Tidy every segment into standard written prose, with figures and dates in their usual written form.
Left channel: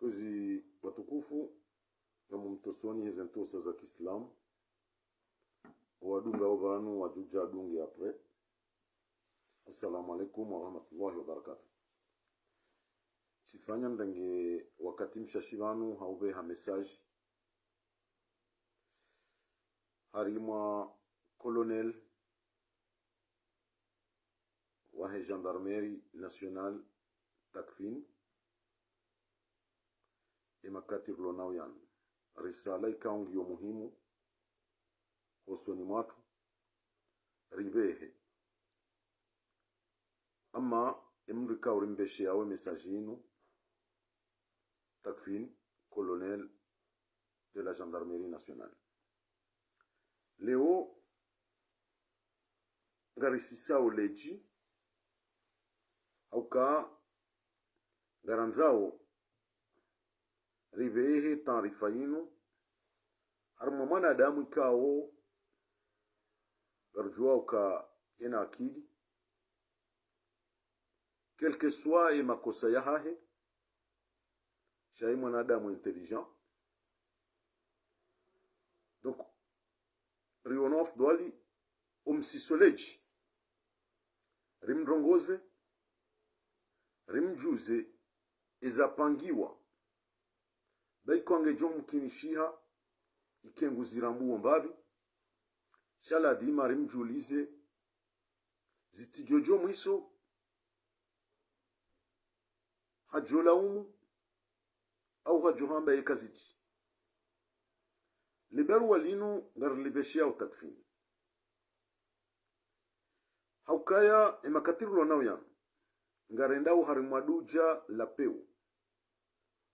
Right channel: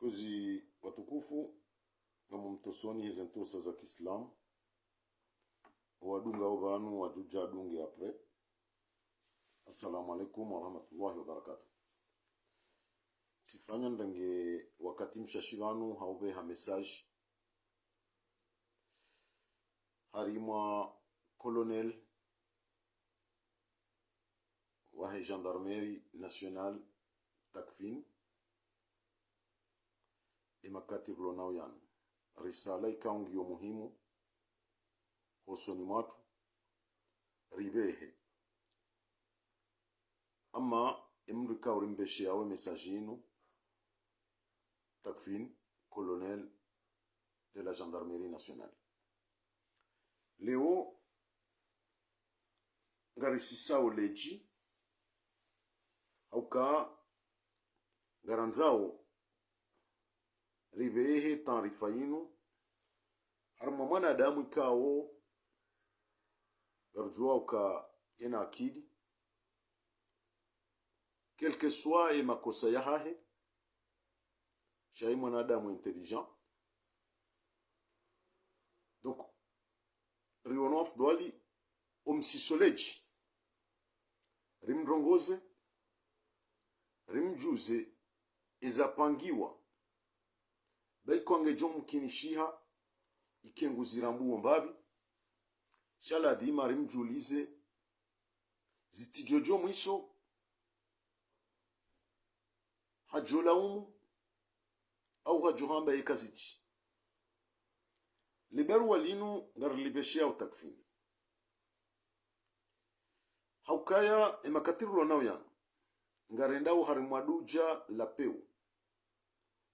Kozi watukufu na mumtosoni hizi ntosa za Kiislamu wadunga obanu wajuja dungi apre. Assalamu alaikum wa rahmatullahi wa barakatuh. Sifanya ndenge wakati mshashibanu haube ha message harima colonel wa gendarmerie nationale Takfin imakati glonao yanu risala ikaungi yo muhimu hosoni mwatu ribehe ama imrika urimbeshe yawe messaginu Takfin colonel de la gendarmerie nationale leo ngarisisa oleji auka garanzao ribehe taarifa yinu harma mwanadamu ikao garjua uka ina akili quel que soit makosa yahahe shay mwanadamu intelligent. Donc riono afdali umsisoleji rimrongoze rimjuze izapangiwa baikwange jomu kinishiha ikengu zirambu mbabi shala dhima rimjulize zitijojo mwiso hajola au hajohamba yekaziti liberu walinu ngar libeshia utakfini haukaya emakatiru lonao yanu ngarendao harimwa duja la peu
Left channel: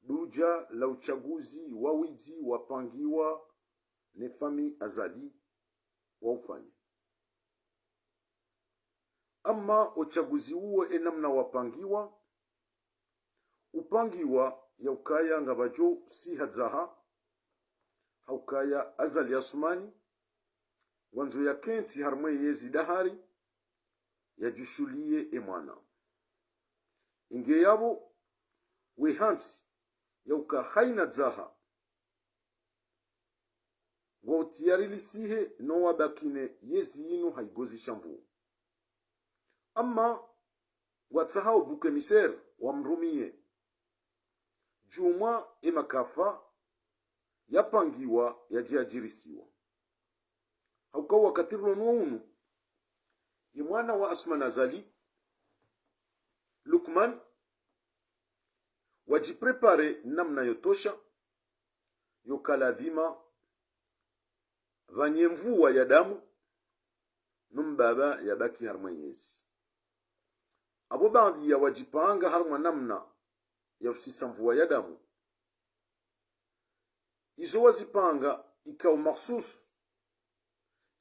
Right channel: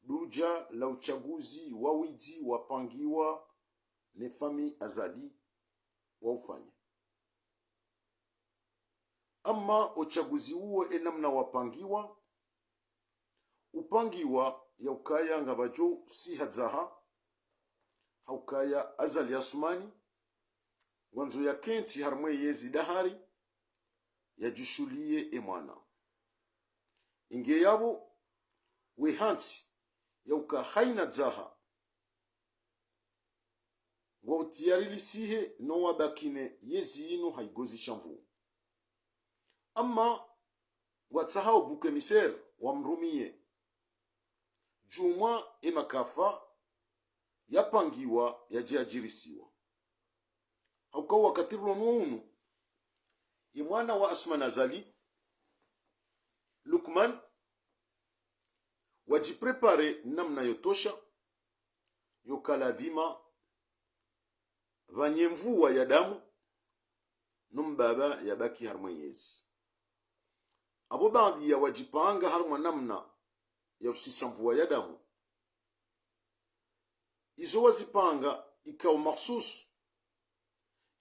duja la uchaguzi wawidzi wapangiwa ne fami azali wa ufanye ama uchaguzi huo enamna wapangiwa upangiwa ya ukaya ngabajo si hadzaha haukaya azali asumani wanzo ya kenti harmwe yezi dahari ya jushulie emwana inge yabo wehansi ya uka haina dzaha ngo tiyarilisihe no wabakine yezi inu haigozi shamvu ama watsahao buke miser wamrumie juma emakafa yapangiwa yajiajirisiwa hauka wakati ronunu imwana wa Asma Nazali Lukman wajiprepare namna yotosha yokala dhima vanyemvuwa ya damu numbaba yabaki harmonyezi abo baadhi ya wajipanga harma namna ya usisamvuwa ya damu izo wazipanga ikao maksus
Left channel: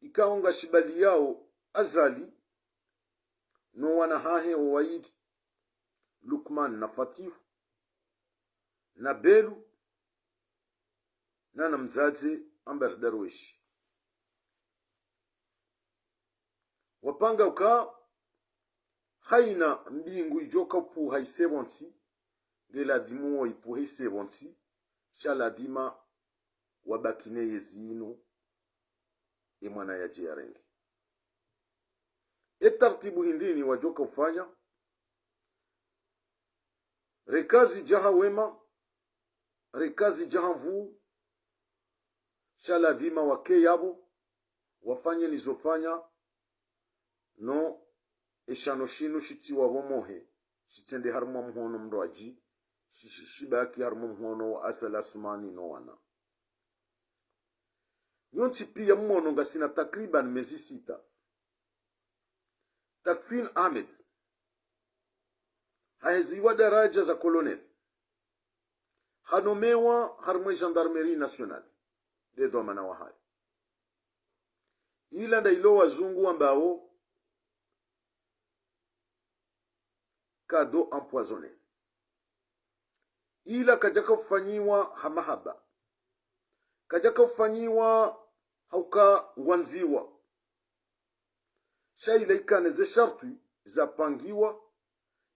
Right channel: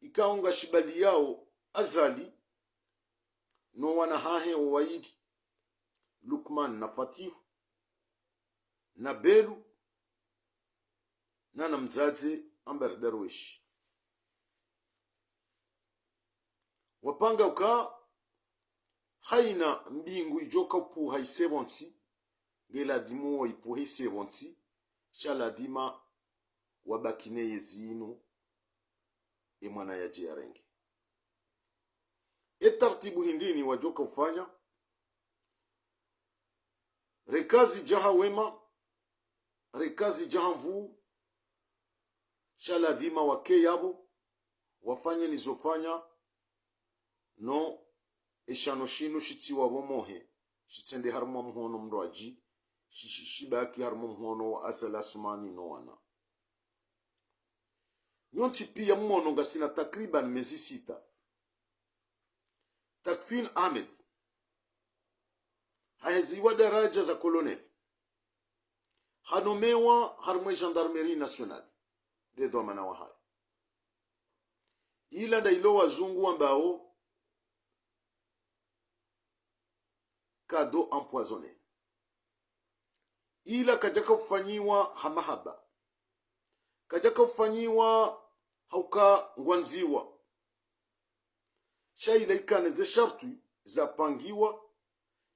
ikao ngashibali yao azali no wana hahe wa waidi Lukman na Fatihu na Belu na mzazi Amber Darwish wapanga uka haina mbingu ijoka pu haisebonti ngela dhimu ipu haisebonti shala dhima wabakine yezinu emwana ya jiarenge etartibu hindini wajoka ufanya rekazi jaha wema rekazi jaha mvu shala dhima wake yabo wafanye nizofanya no eshano shinu shiti wabomohe shitende harmo mhono mroaji shibaki harmo mhono asala sumani no wana nyonti pia mmono ngasina takriban mezi 6 Takfin Ahmed haeziwa daraja za colonel hanomewa harmwe gendarmerie nationale de dhamana wa haya ila ndailo wazungu ambao kado empoisonné ila kajaka kufanyiwa hamahaba kajaka kufanyiwa hauka ngwanziwa shaila ikane ze shartu za pangiwa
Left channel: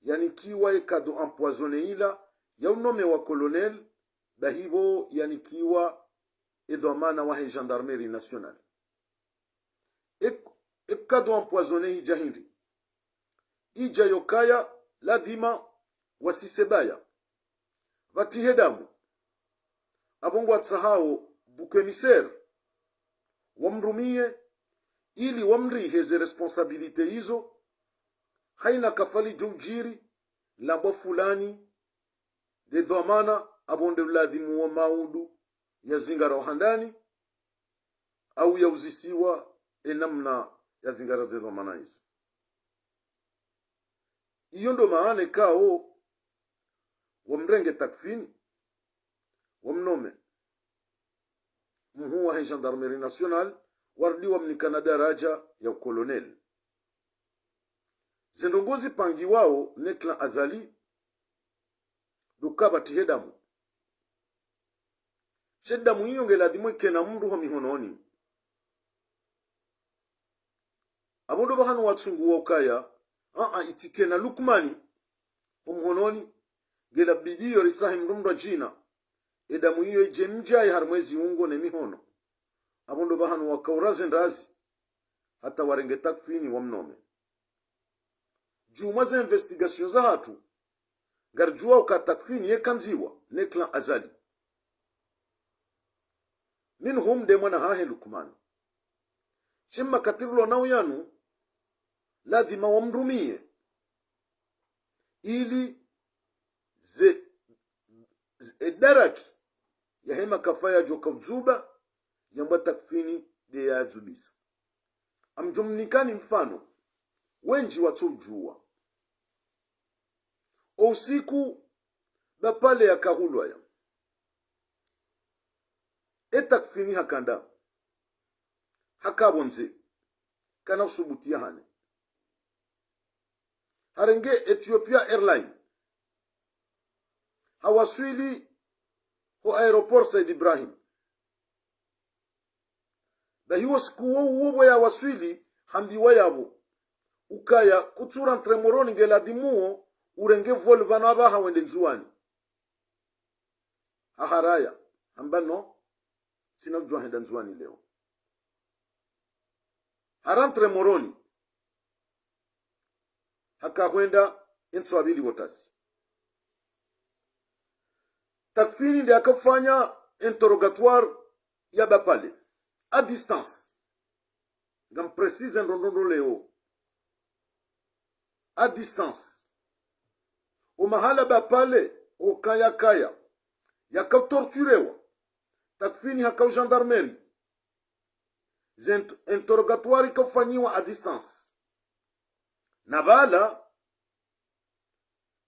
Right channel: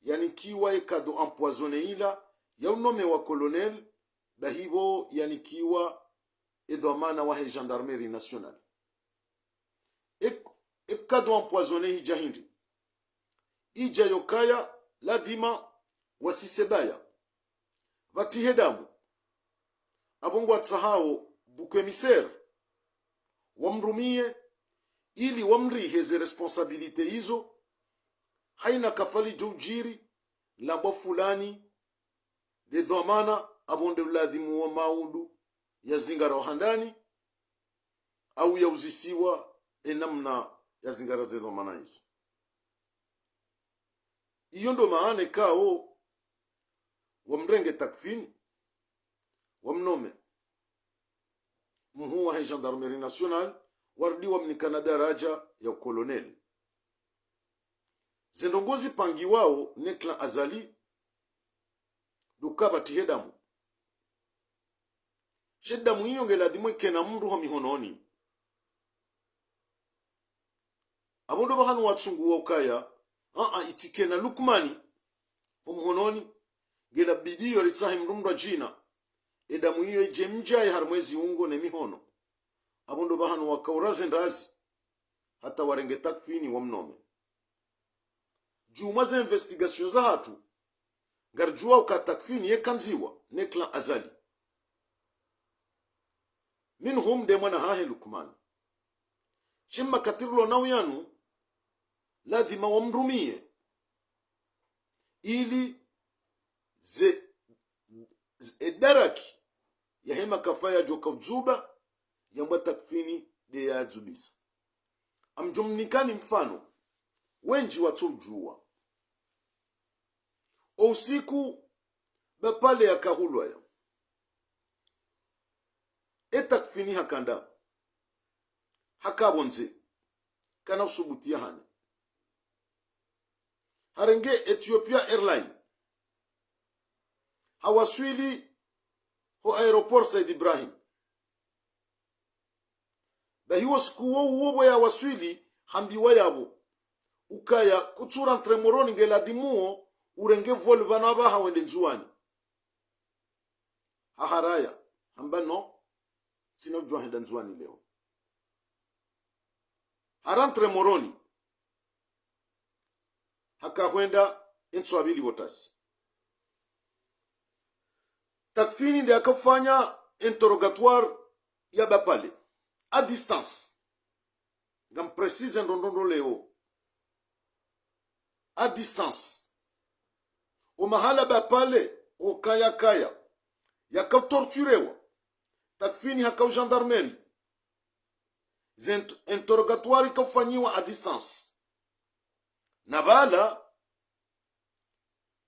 yani kiwa ekado empoisonné ila ya unome wa colonel bahibo yanikiwa edhamana wa gendarmerie nationale ekado empoisonné hija hindi ija yokaya ladhima wasisebaya vatihe damu abongo atsahao bukemiser wamrumie ili wamriheze responsabilite hizo haina kafali joujiri lambwa fulani de dhamana abonde ladhimu wa maudu ya zingara wahandani au ya uzisiwa enamna ya zingara ze dhamana hizo. Iyo ndo maana kao wamrenge takfini wamnome mhuu wa gendarmerie nationale wardi wamnikana daraja ya kolonel zendongozi pangi wao nekla azali dukaba tihedamu shedamu hiyo ngeladhimwe kena mndu ho mihononi abondo bahanu watsungu wa ukaya itikena lukmani omhononi gela bidiyo ritsahi mrumra jina edamu hiyo jemjai harmwezi ungo ne mihono abondo bahanu wakauraze ndazi hata warenge takfini wamnome juma za investigation za hatu garjua ukatakfini yekanziwa nekla azali minhum de mwana hahe lukmani shimma katirlo nawyanu lazima wamrumie ili ze daraki ya hema kafaya joka uzuba yamba takfini de ya zubisa amjumnikani mfano wenji watujua usiku bapale ya kahulwa ya etakfini hakanda hakabonze kana usubutia hane harenge Ethiopia Airline hawaswili ho aeroport Said Ibrahim bahiwo sikuwo uwo ya waswili hambiwa yabo ukaya kutsura tremoroni ngela dimuo urenge vol vanaba hawende nzuani haharaya hambano sina jua henda nzuani leo harantre moroni haka huenda inswabili wotasi takfini ndi akafanya interrogatoire ya bapale a distance ngam precise ndondondo leo a distance o mahala bapale o kaya yaka torturewa takfini haka gendarmerie interrogatoire ikafanyiwa a distance na vala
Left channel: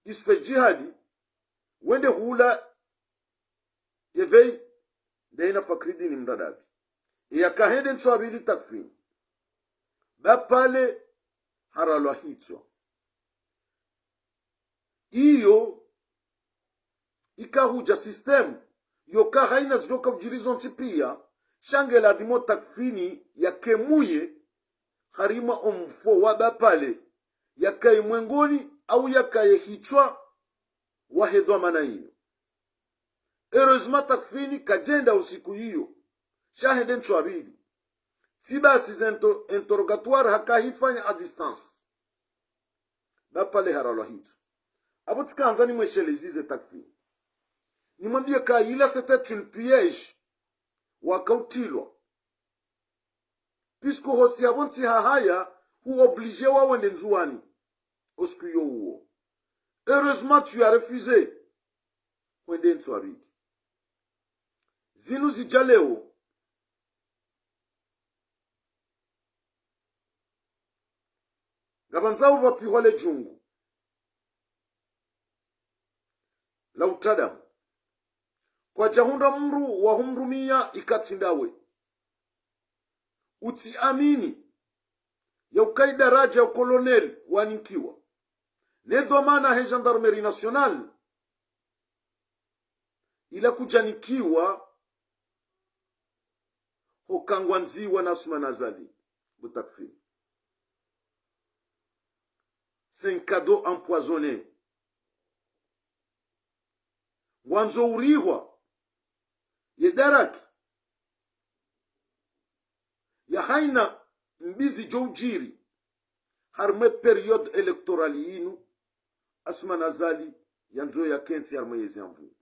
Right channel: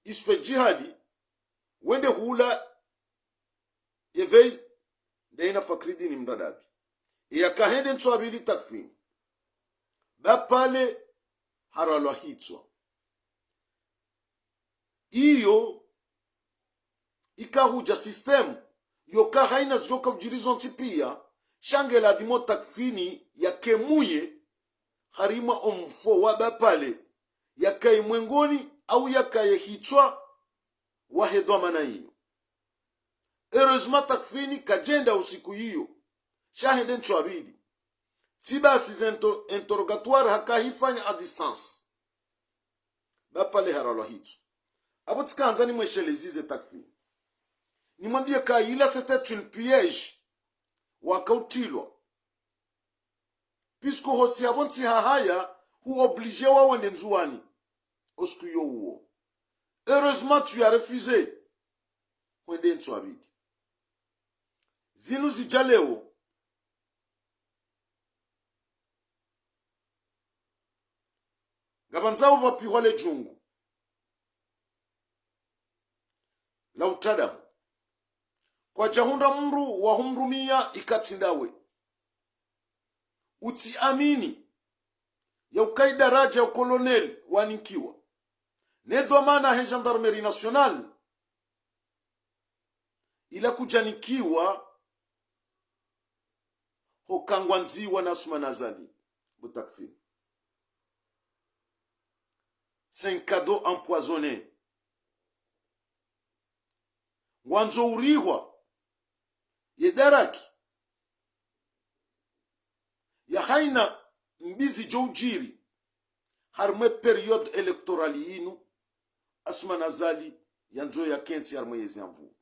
isfe jihadi wende hula yevei deina fakridini mdadabi yakahende nswabili takfini bapale haralwa hitso iyo ikahuja system yoka haina zjoka ujirizo ntipia shangela dimo takfini ya kemuye harima omfo wa bapale yakaye mwengoni au yakaye hichwa wahedwa mana hiyo heureusement takfini kajenda usiku hiyo shahede nchwabili tibasi interrogatoire hakahifanya a distance bapale haralwa hicho abo tikaanza ni mweshelezize takfini nimwambie ka ila c'était une piège wakautilwa puisque hosi abonti hahaya hu obligé wa wende nzuani osku yo uo heureusement tu as refusé wende ntswabidi zinu zijaleo gabanzao wapihole jungu la utadamu kwa jahunda mru wa humrumia ikatsindawe uti amini ya ukai daraja ya kolonel wanikiwa ne dhamana he gendarmerie nationale ila kujanikiwa hokangwanziwa na sumanazali butakfini c'est un cadeau empoisonné ngwanzo urihwa yedaraki ya haina mbizi joujiri harme periode electorali yinu asma nazali yanzo ya kenti harme yezi amvu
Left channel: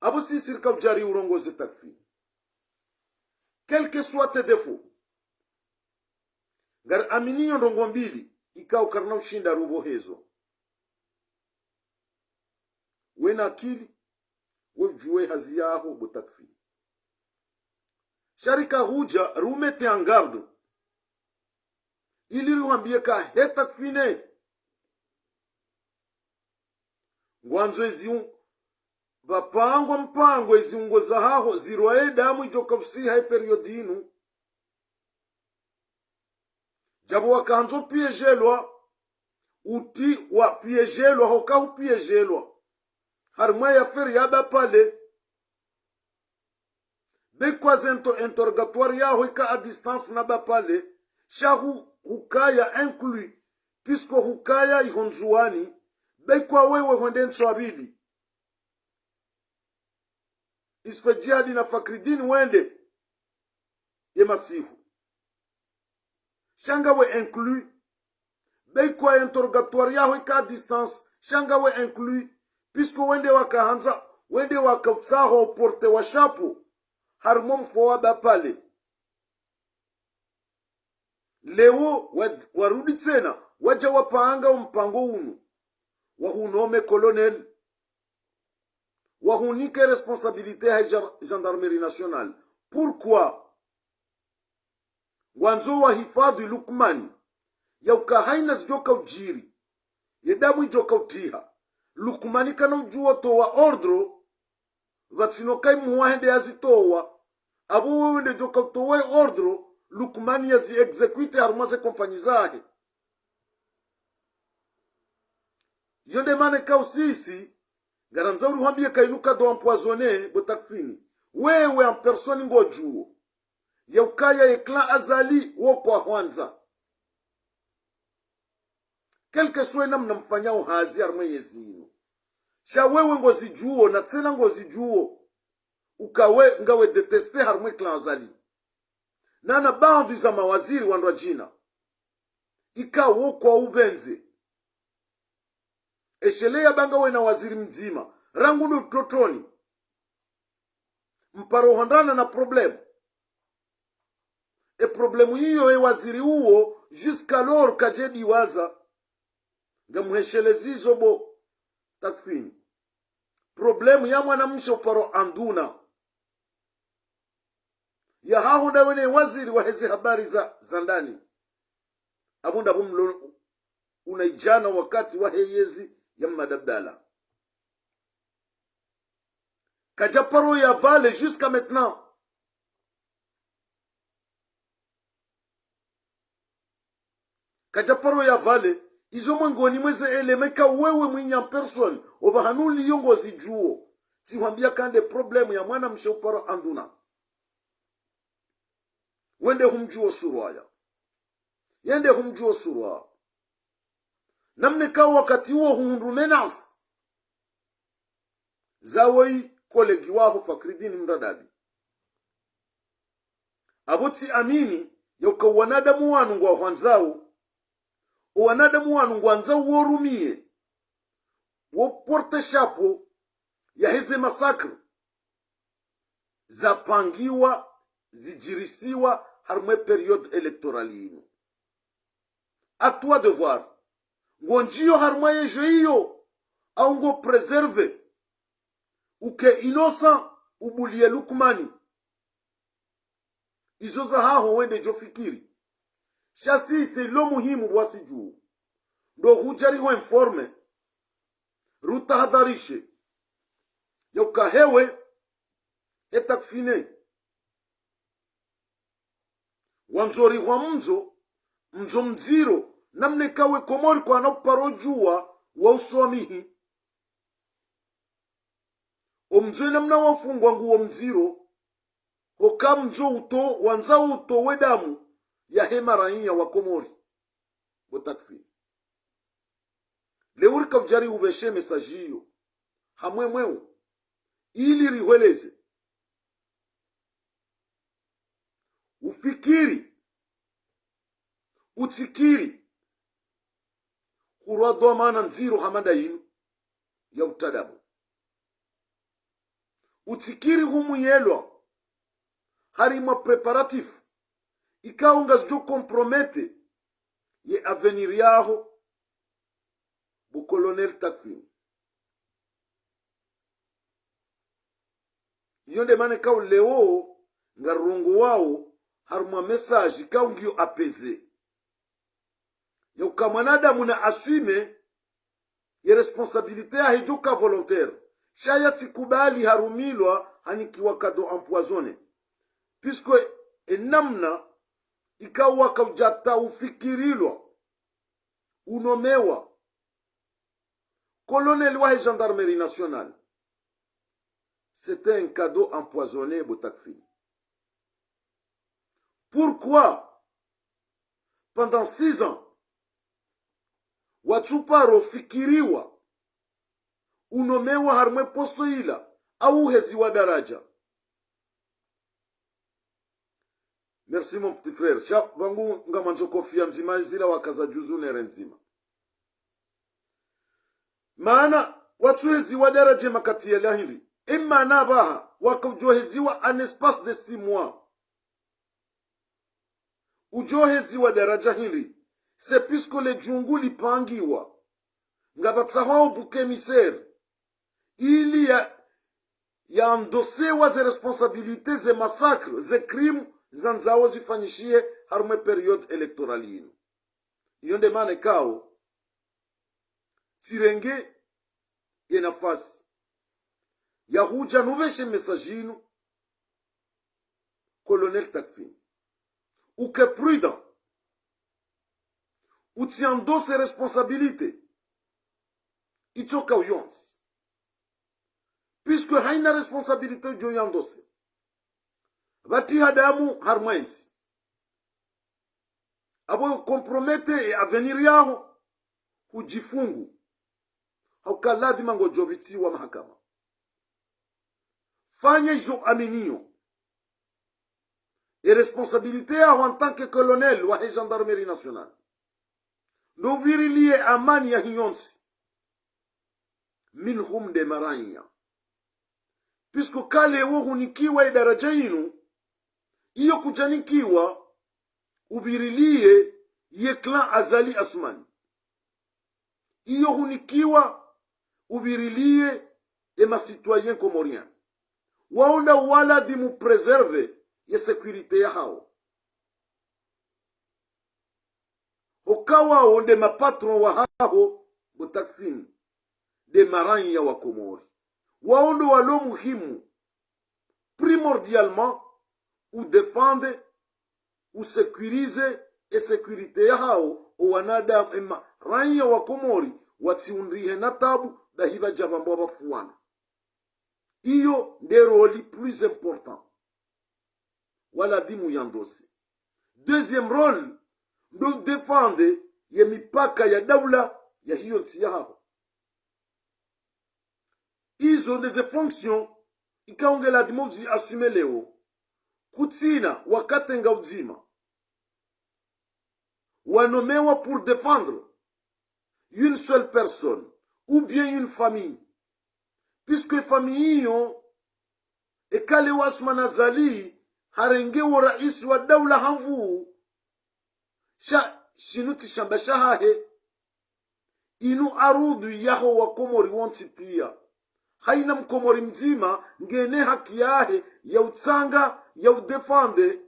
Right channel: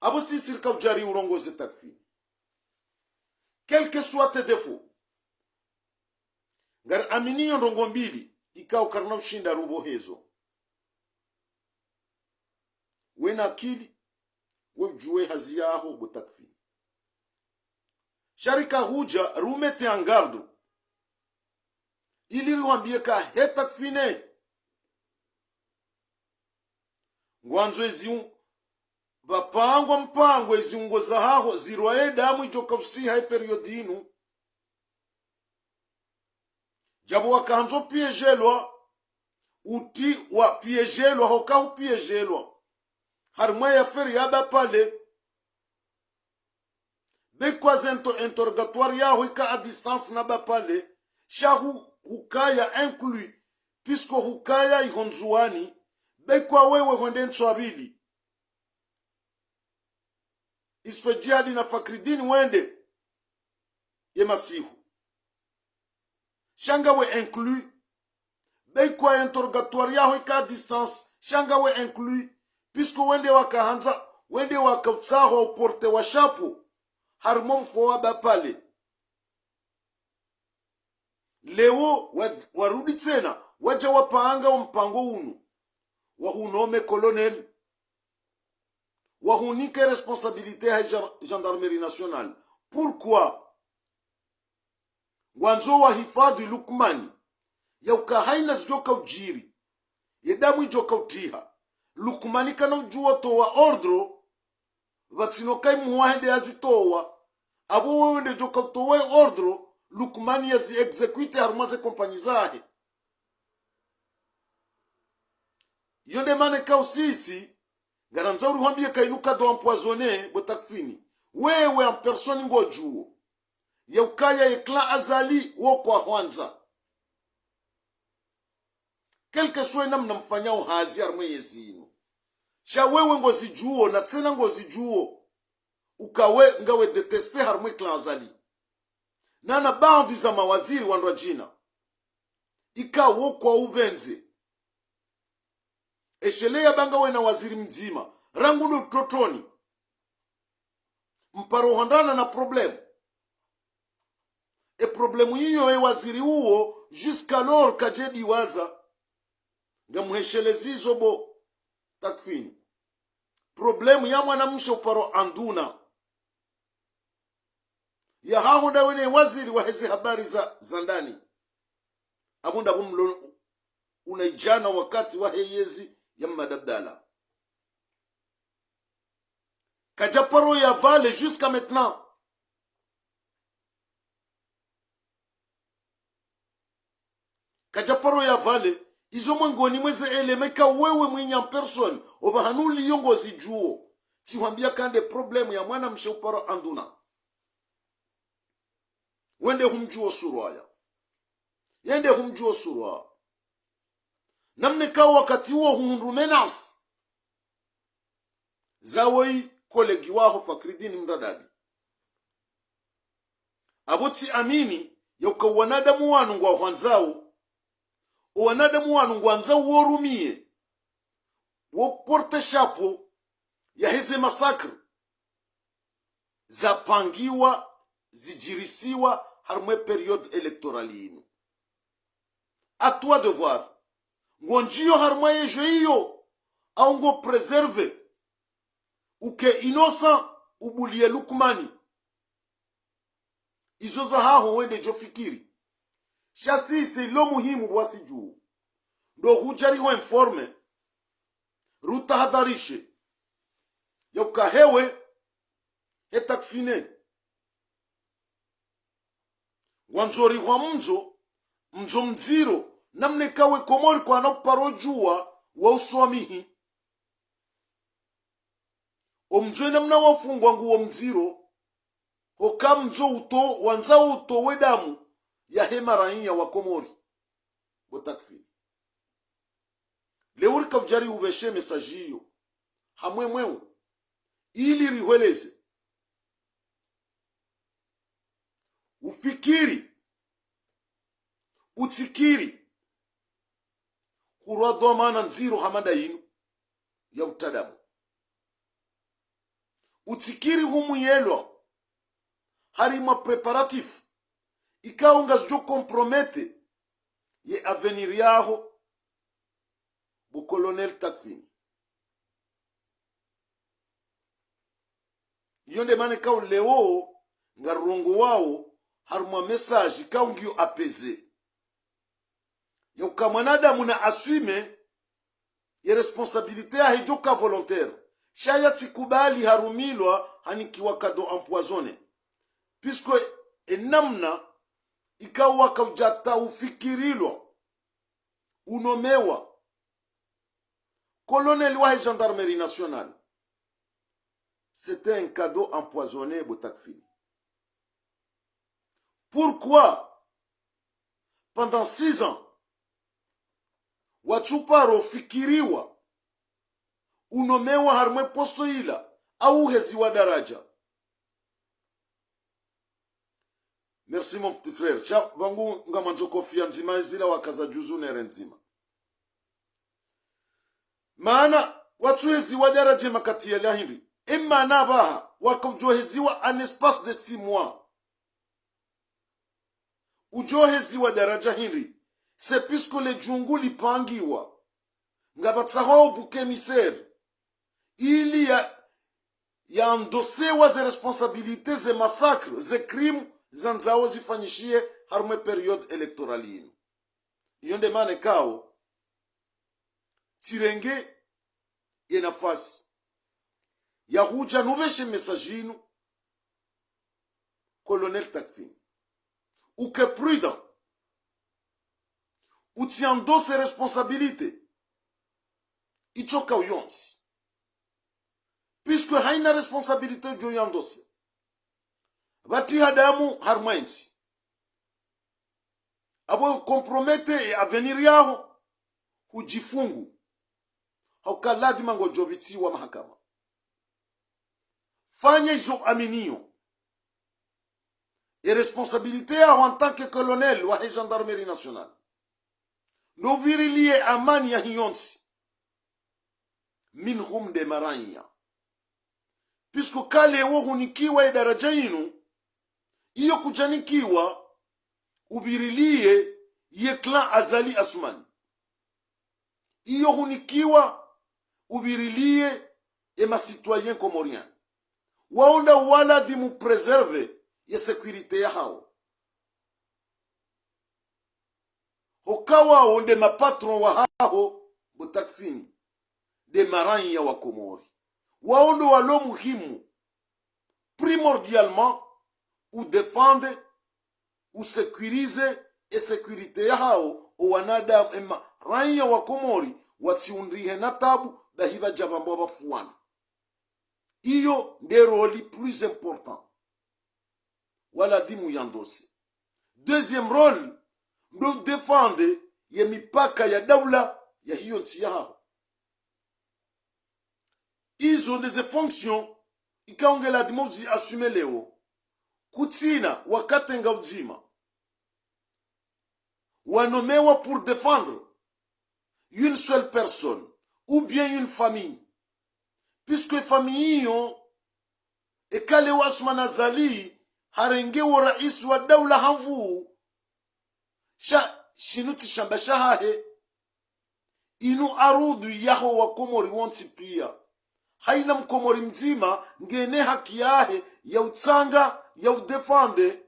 abo sisir kaujari urongoze takfini quel que soit tes défauts ngar amini ndongo mbili ikao karna ushinda rubo hezo wena akili wejue hazi yaho butakfini sharika huja rumete angardo ili ruambie ka hetakfine ngwanzo eziu bapango mpango eziungo za haho zirwaye damu ijokafusi hai periodinu jabo wakanzo piejelwa uti wa piejelwa hoka upiejelwa harma ya feri yaba pale bekwazento interrogatoire yaho ika a distance na ba pale shahu hukaya inclus puisque hukaya ihonzuani bekwa wewe honde nswabili isfe jihadi na fakridini wende ye masihu shanga we inclus bekwa interrogatoire yaho ika a distance shanga we inclus puisque wende wakahanza wende wakautsaho porte wa shapo harmon foa ba pale leo warudi tena waja wapanga mpango unu wahunome colonel wahunike responsabilité ya gendarmerie nationale. Pourquoi wanzo wa hifadhi Lukmani ya ukahaina zijoka ujiri yedamu ijoka utiha Lukmani kana ujua towa ordro vatsinokai muwahende yazitowa abo wende joka utowe ordro Lukmani yazi execute harmaze kompanyi zahe yonde mane kausisi garanza uruhambie kainuka do empoisonné botakfini wewe en personne ngojuo ya ukaya eklan azali wokwa hwanza quelque soit namna mfanyao hazi armwe yezino sha wewe ngozi juo na tena ngozi juo ukawe ngawe deteste harmwe klan azali nana bandi za mawaziri wandwa jina ikawo kwa ubenze eshelea banga wena waziri mzima rangu totoni mparo hondana na problem problemu hiyo waziri huo jusqu'alors kajedi waza ngamuheshelezizo bo takfini problemu ya mwanamsha uparo anduna ya hahonda wene waziri wa hezi habari za ndani abunda bumlo unaijana wakati wa heyezi ya madabdala kajaparo ya vale jusqu'à maintenant kajaparo ya vale izo mwangoni mweze elemeka wewe mwinya person oba hanuli yongozi juo tiwambia kande problemu ya mwana mshauparo anduna wende humjuo surwaya yende humjuo surwa namne kawo wakati huo hundu menas zawai kolegi waho Fakridini Mradadi abuti amini ya ukawanadamu wanu ngwa hwanzao wanadamu wanu ngwanzao worumie woporte shapo ya hizi masakre zapangiwa zijirisiwa harmwe periode electorali inu a toi de voir ngonjio harmwe yejo hiyo au ngo preserve uke innocent ubulie Lukmani izo za haho wende jofikiri shasi si lo muhimu wasi juu ndo hujari ho informe ruta hadarishe yoka hewe hetakfine wanzori wa mzo mziro namne kawe komori kwa na parojua wa uswamihi omzo namna wafungwa nguo mziro hoka mzo uto wanzao uto wedamu ya hema raia wa komori botakfi leuri kavjari ubeshe mesajiyo hamwemweu ili riweleze ufikiri utikiri kurwa dhamana nziro hamada yinu ya utadamu utikiri humuyelwa harima preparatif ikaunga zijo kompromete ye avenir yaho bu colonel Takfini yonde mane kao leo ngarungu wao haruma message kaungio apeze yo kamanadamu na assume ye responsabilité ya hijoka volontaire shaya tikubali harumilwa hanikiwa kado empoisonné puisque enamna ikawa kaujata ufikirilwa unomewa colonel wa gendarmerie nationale. C'était un cadeau empoisonné Takfini. Pourquoi pendant 6 ans wachuparo fikiriwa unomewa harmwe posto ila au hezi wa daraja? Merci mon petit frère. Cha vangu ngamanzo kofia nzima zila wakaza juzu nere nzima. Maana watu hezi wa daraja makati ya lahindi. Ima nabaha wakaujoheziwa un espace de 6 mois. Ujoheziwa daraja hili. C'est puisque le jungu lipangiwa. Ngabatsaho buke misere. Ili ya endosewa ze responsabilité ze massacres, ze crimes zanzao zifanyishie harume periode electorali yinu. Yonde mane kao tirenge ye nafasi yahuja nuveshe messaginu colonel Takfini uke prudent utiando ses responsabilités ichoka uyonsi puisque haina responsabilité ujo yandose bati hadamu harmwensi abo kompromete avenir yaho kujifungu haukaladi mango jobiti wa mahakama fanya izo aminio et responsabilité en tant que colonel wa gendarmerie nationale no virilie amani ya hiyonsi minhum de maranya puisque kale wo hunikiwa idaraja inu iyo kujanikiwa ubirilie ye clan Azali Asumani iyo hunikiwa ubirilie e ma citoyen comorien waonda wala di mu preserve ye sécurité ya hao okawa onde ma patron wa hao Takfini de maranya ya wakomori waondo walo muhimu primordialement ou défendre ou sécuriser et sécurité ya hao o wanadamu ema ranya wa komori watiundrihe na tabu bahiba jabambo bafuana iyo nde roli plus important wala dimu yandose. Deuxième rôle ndo défendre ya mipaka ya daula ya hiyo nchi ya hao. Izo ndeze fonction ikaongela dimozi assume leo kutina wakatenga uzima wanomewa pour défendre une seule personne ou bien une famille, puisque famille hiyo ekale Wasman Azali harenge wa rais wa daula hanvu shinuti shamba shahahe inu arudu yaho wa komori wonsi pia haina mkomori mzima ngene haki yahe ya utsanga ya udefande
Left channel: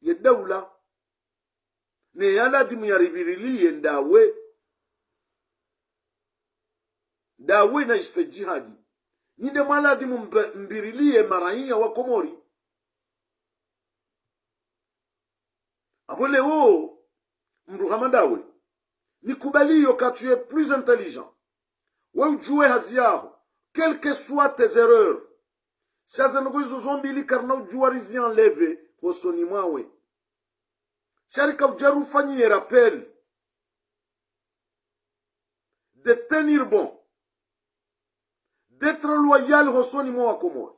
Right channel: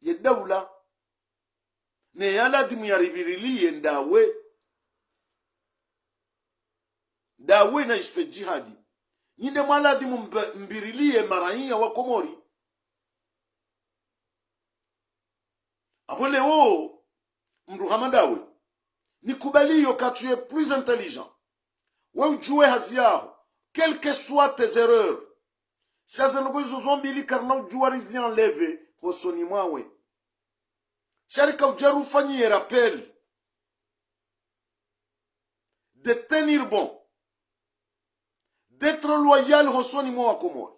ya daula ne yala dimu ya ribirilie dawe na isfe jihadi ninde mwala dimu mbirilie maraiya wa komori abole o mruhama dawe nikubaliyo ka tu es plus intelligent wa ujue hazi yaho quelles que soient tes erreurs shazenugo izo zombili karna ujua rizi enleve hosoni mwawe sharika ujaru fanyi rappel de tenir bon d'être loyal hosoni mwa Wakomori.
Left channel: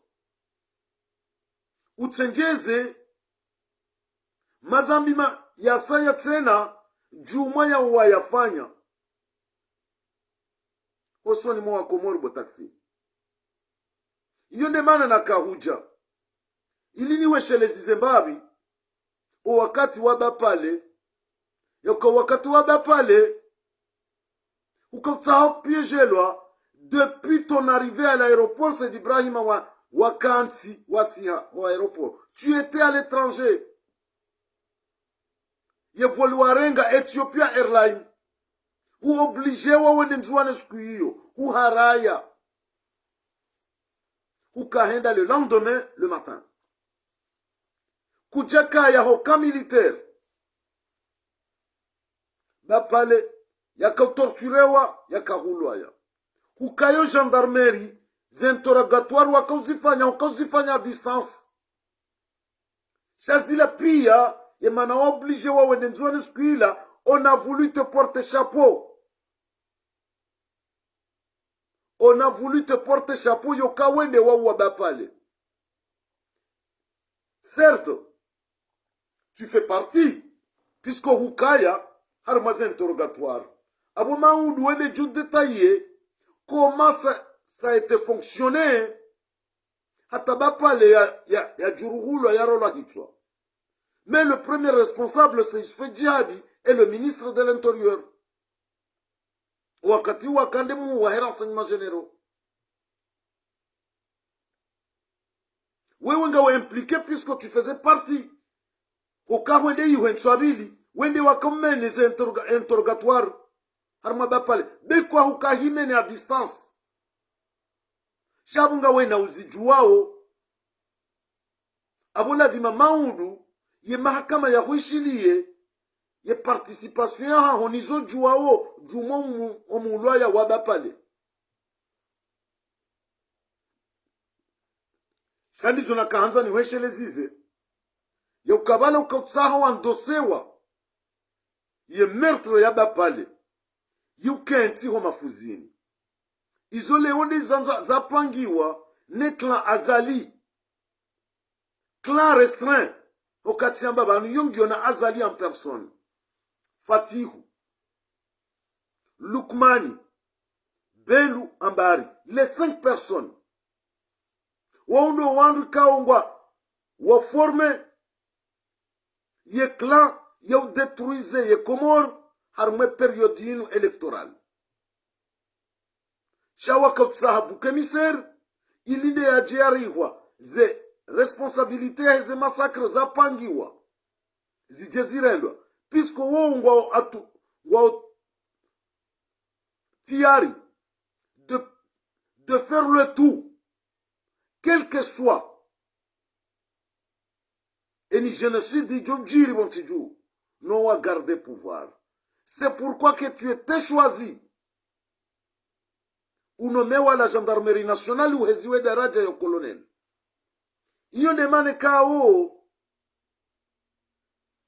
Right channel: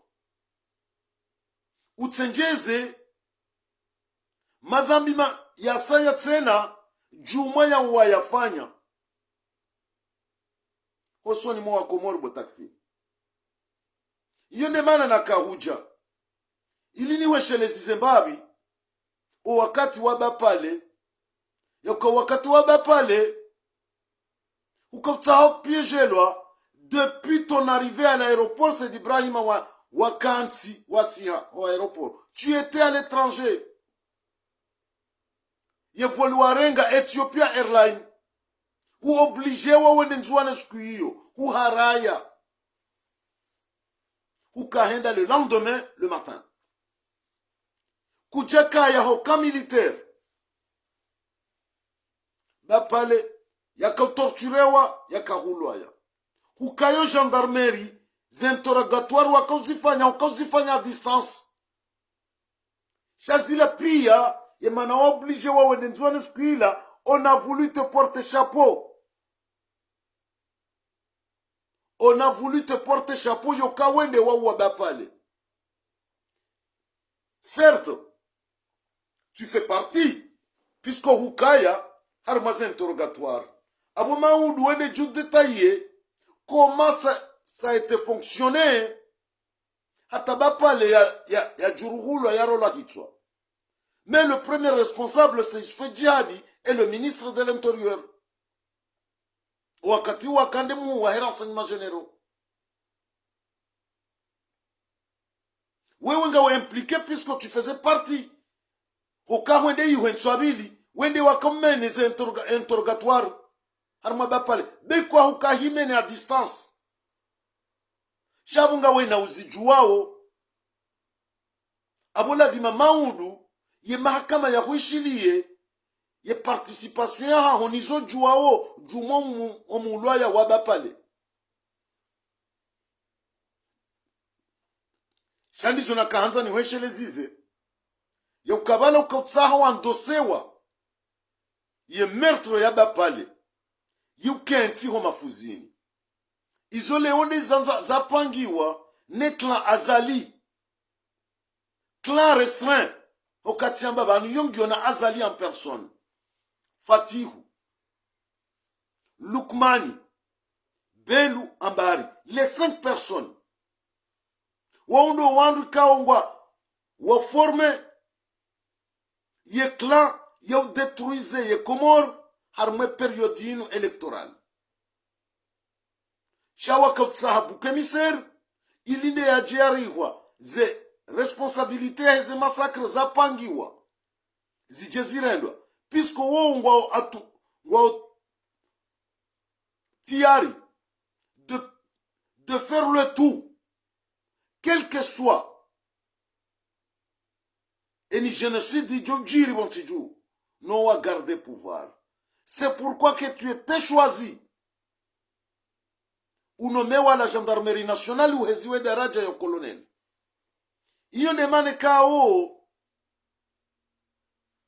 Utsenjeze madhambi yasaya tena juma ya wayafanya hosoni mwa Wakomori botaksi. Iyo ndemana na kahuja ili niweshelezi Zimbabwe o wakati waba pale yoko wakati waba pale ukotao piégelwa depuis ton arrivée à l'aéroport c'est d'Ibrahim wa Kanti wa Siha au aéroport. Tu étais à l'étranger. Ye voluarenga Ethiopia Airlines ou obligé wa wende njuane siku hiyo haraya ukahenda le lendemain le matin kujaka ya hoka militaire bapale yakatorturewa yakahulwa ya ukayo gendarmerie zinterrogatoire wakauzifanya à distance shazila pia yemana obligé wa wende njuane siku ila on a voulu te porter chapeau. On a voulu te porter chapeau yoka wende wa bapale. Certes, tu fais partie, puisque Hukaya, harmas interrogatoire. Abo maoudou wende jut détaillé comment ça a été fonctionné. Hata bapale ya juruhulo ya rola hichwa. Mais le premier responsable, c'est Isfe Djihadi et le ministre de l'Intérieur. Wakati wakandemu wa renseignements généraux. Wewe nga impliqué puisque tu faisais partie. Au cas wende yuhenswabili, wende wakamene ze interrogatoire. Harma bapale, bekwa hukahimene à distance. Shabunga wena uzijuwao. Abola dima maudu, ye mahakama ya huishilie, ye participation ya honizo juwao, jumon omulwa ya wabapale. Shandi zona kahanza ni weshele zize. Ya ukabala ukatsaha wandosewa. Ye meurtre ya bapale. Yu kenti ho mafuzini. Izo leonde zapangiwa ne clan Azali. Clan restreint. Okati yamba banu yongiona Azali en personne. Fatihu. Lukmani. Belu Ambari. Les 5 personnes. Waundo wandu kaongwa wa forme ye clan ye détruise ye Comore harme périodine électorale. Shawa kautsa buke misère ilinde ya jiariwa ze responsabilité ya ze massacre za pangiwa zijezirendwa puisque wongwa atu wa tiari de faire le tout quel que soit et ni génocide d'Idjiri Bontidjou non à garder pouvoir. C'est pourquoi que tu étais choisi ou nommé à la gendarmerie nationale ou heziwe daraja ya colonel. Iyo ndemane kao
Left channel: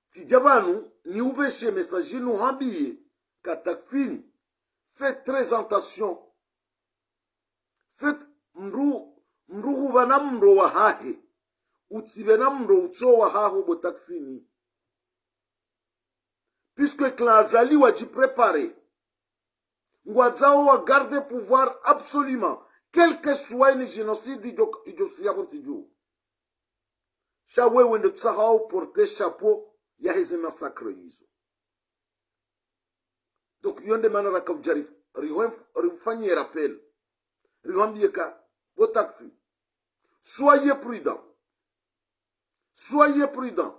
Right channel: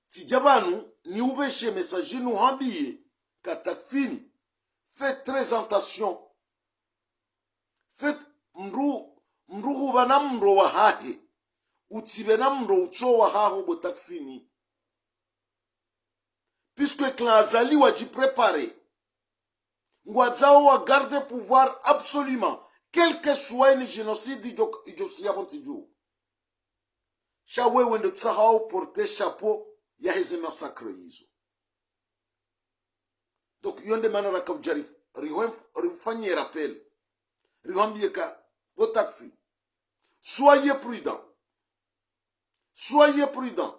tijabanu ni ubeshe message nous habillé katakfini. Faites très attention. Faites mruhu banamro wa hahe. Utibe namro ucho wa haho botakfini. Puisque clan Azali waji préparé. Ngwadzao wa garder pouvoir absolument. Quel que soit une génocide idjosia kontidjou. Shawe wende tsahao porter chapeau ya hezi massacre hizo. Donc yonde manara kabjarif. Rifanye rappel. Rihambiyeka. Botakfi. Soyez prudents. Soyez prudents.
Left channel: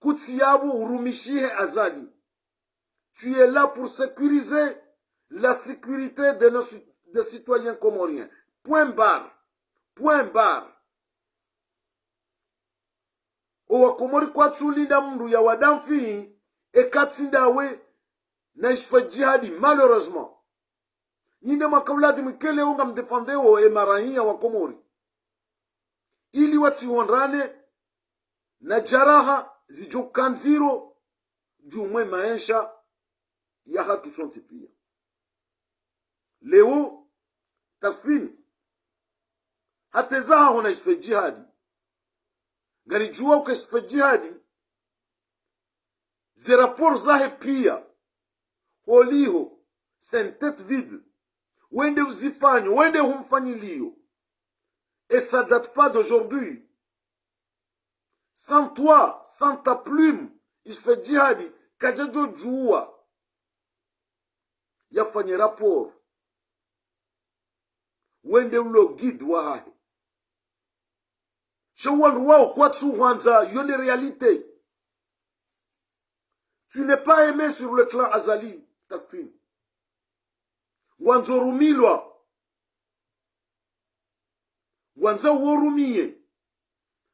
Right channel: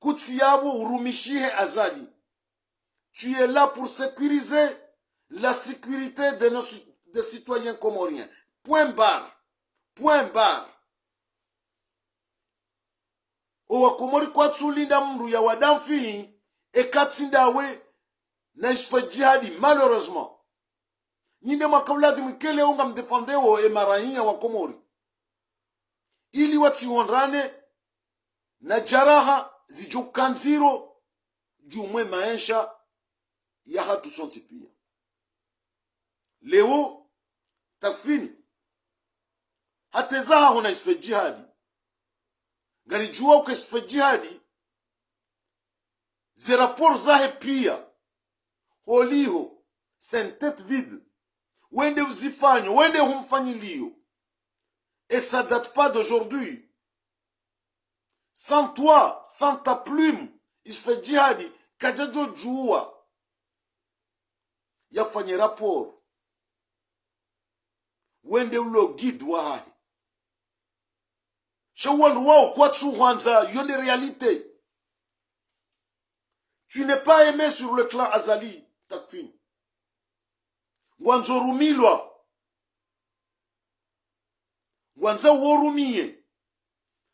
Koutiabou Urumishihe Azali. Tu es là pour sécuriser la sécurité des citoyens comoriens. Point barre. Point barre. Owa komori kwa tsulinda mru ya wadamfi e katsindawe na Isfe Djihadi malheureusement. Ninde makawladi mkele onga mdefande o e marahia wa Komori. Ili wati honrane na jaraha zijukanziro jumwe maisha ya hatu sonti pia. leo takfini hatezaha hona isfe jihadi ngarijua uke isfe jihadi ze rapor zahe pia holiho sentet vide wende uzifanyo wende humfanyilio et ça date pas d'aujourd'hui. Sans toi, sans ta plume, isfe jihadi kajajo jua yafanye rapport wende ulo guide wahahe shawan wao kwa tsuwanza yonde réalité. Tu n'es pas aimé sur le clan Azali takfin wanzo rumilwa wanza worumie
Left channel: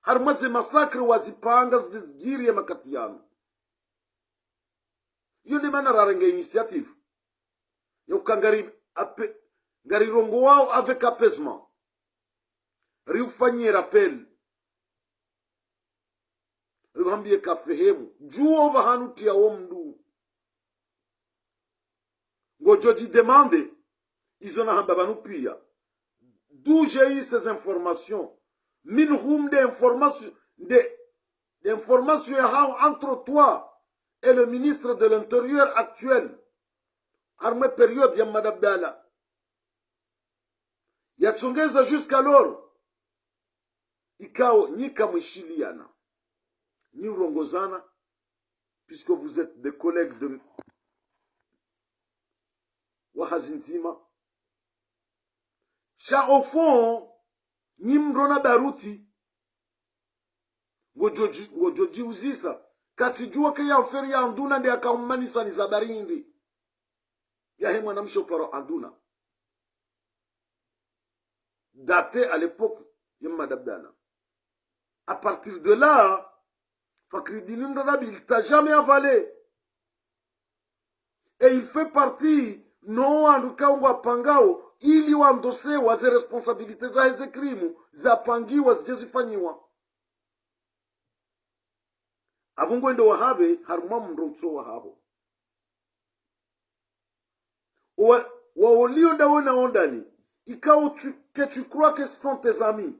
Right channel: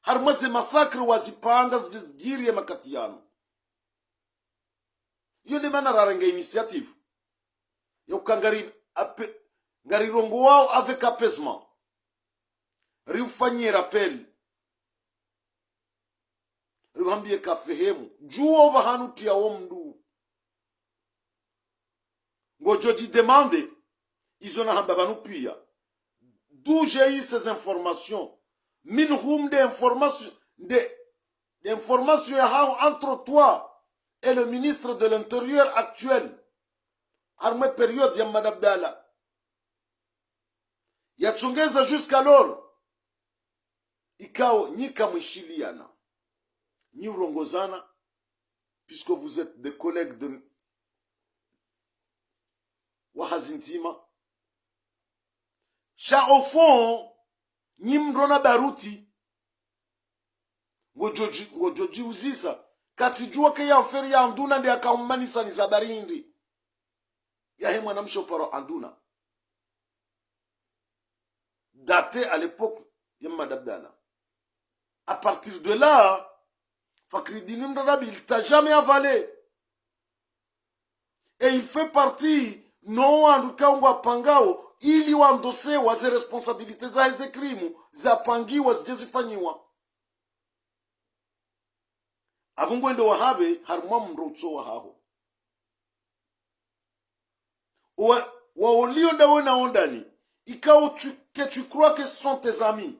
harmaze masakre wazipanga zijiri ya makatiano yonde mana rarenge initiative yokangari ngarirongo wao avec apaisement riufanyie rappel riwambie kafehemu juo bahanuti ya omdu ngojo di demande izona hamba banu pia d'où j'ai eu ces informations minhum d'informations entre toi et le ministre de l'Intérieur actuel armée période ya Madabdala yachongeza jusqu'alors ikao nyika mwishiliana ni urongozana puisque vous êtes des collègues de wahazinzima sha au fond ni mrona baruti ngojoji uzisa katijua ke ya mferi ya anduna ndi akaummanisa ni zabarindi ya he mwanamsho paro anduna daté à l'époque de Madabdala. À partir de là, Fakhreddin Mdadabi, il t'a jamais avalé. Et il fait partie, non en Rukangwa Pangao, il y a endossé ses responsabilités za heze krimu, za pangiwa zijezifanyiwa. Abungwende wahabe, haruma mrocho wahaho. Waolio ndawe na ondani, ikao que tu crois que ce sont tes amis.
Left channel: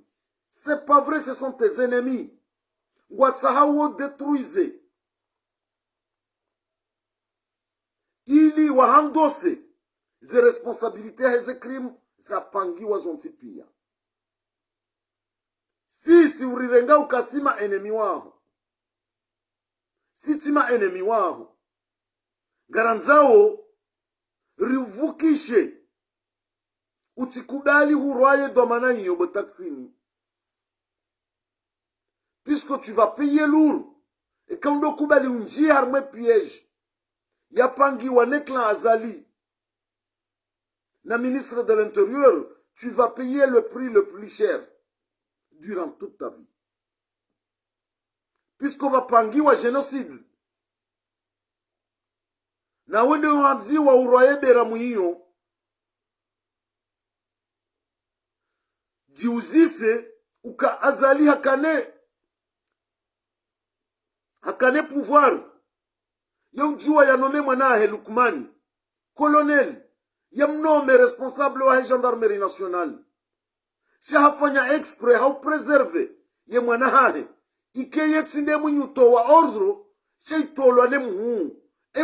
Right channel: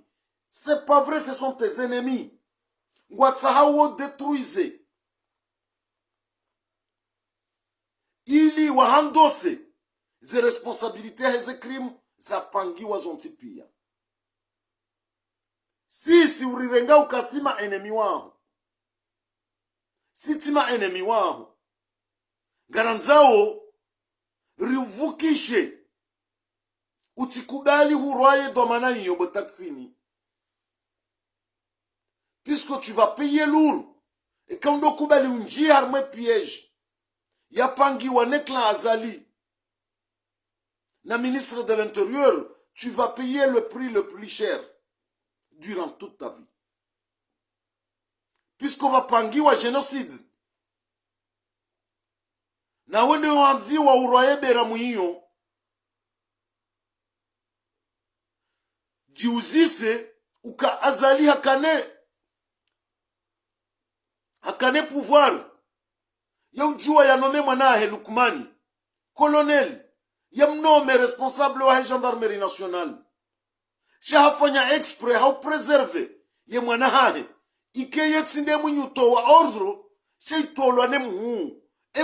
C'est pas vrai, ce sont tes ennemis. Watsahawo détruisez. Ili wahandose. Ze responsabilités heze crimes za pangiwa zontipia. Si urirenga ukasima enemi waho. Sitima enemi waho. Garanzao riuvukishe. Utikubali hurwaye domana hiyo botakfini. Puisque tu vas payer lourd. Et quand on kubali unji harme piège. Ya pangiwa ne clan Azali. Na ministre de l'Intérieur, tu vas payer le prix le plus cher. Durant toute ta vie. Puisqu'on va pangiwa génocide. Na wende wanzi wa hurwaye beramu hiyo. Jiuzise uka Azali hakane pouvoir ya ujua ya nome mwanahe Lukmani colonel ya mnome responsable wa gendarmerie nationale shahafanya expre hau preserve ya mwanahe ike yetsinde mwinyuto wa ordre shaitolwa ne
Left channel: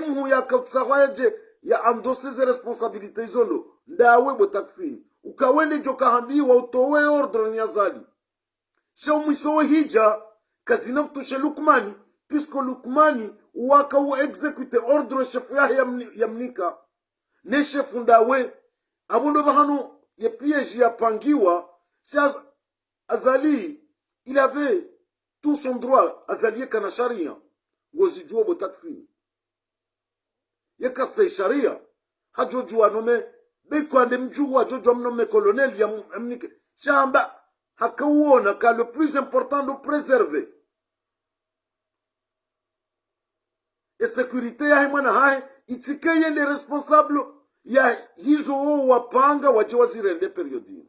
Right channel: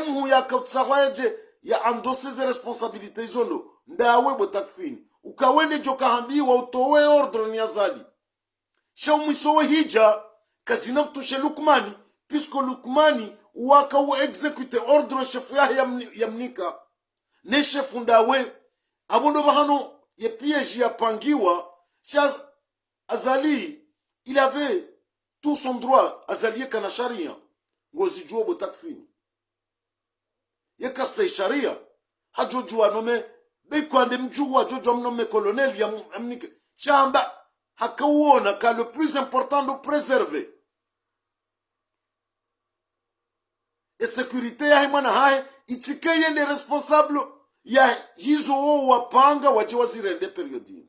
muhu ya katsahwaje ya andose ze responsabilité izondo ndawe botakfini ukawende joka hambiwa utowe ordre ni Azali shaumwisowe hija kazina mtushe Lukmani puisque Lukmani waka u execute ordre chef ya mnika ne chef ndawe abundo bahano ye piège ya pangiwa Azali il avait tout son droit Azali kana sharia ngozi juo botakfini ye kasta sharia hajojua nome bekwande mjuwa jojo mnome colonel ya mnika chamba hakauona ka le plus important de préserver et sécurité ya mwana hai itike yende responsable ya hizo wapanga waje wazirende periodini.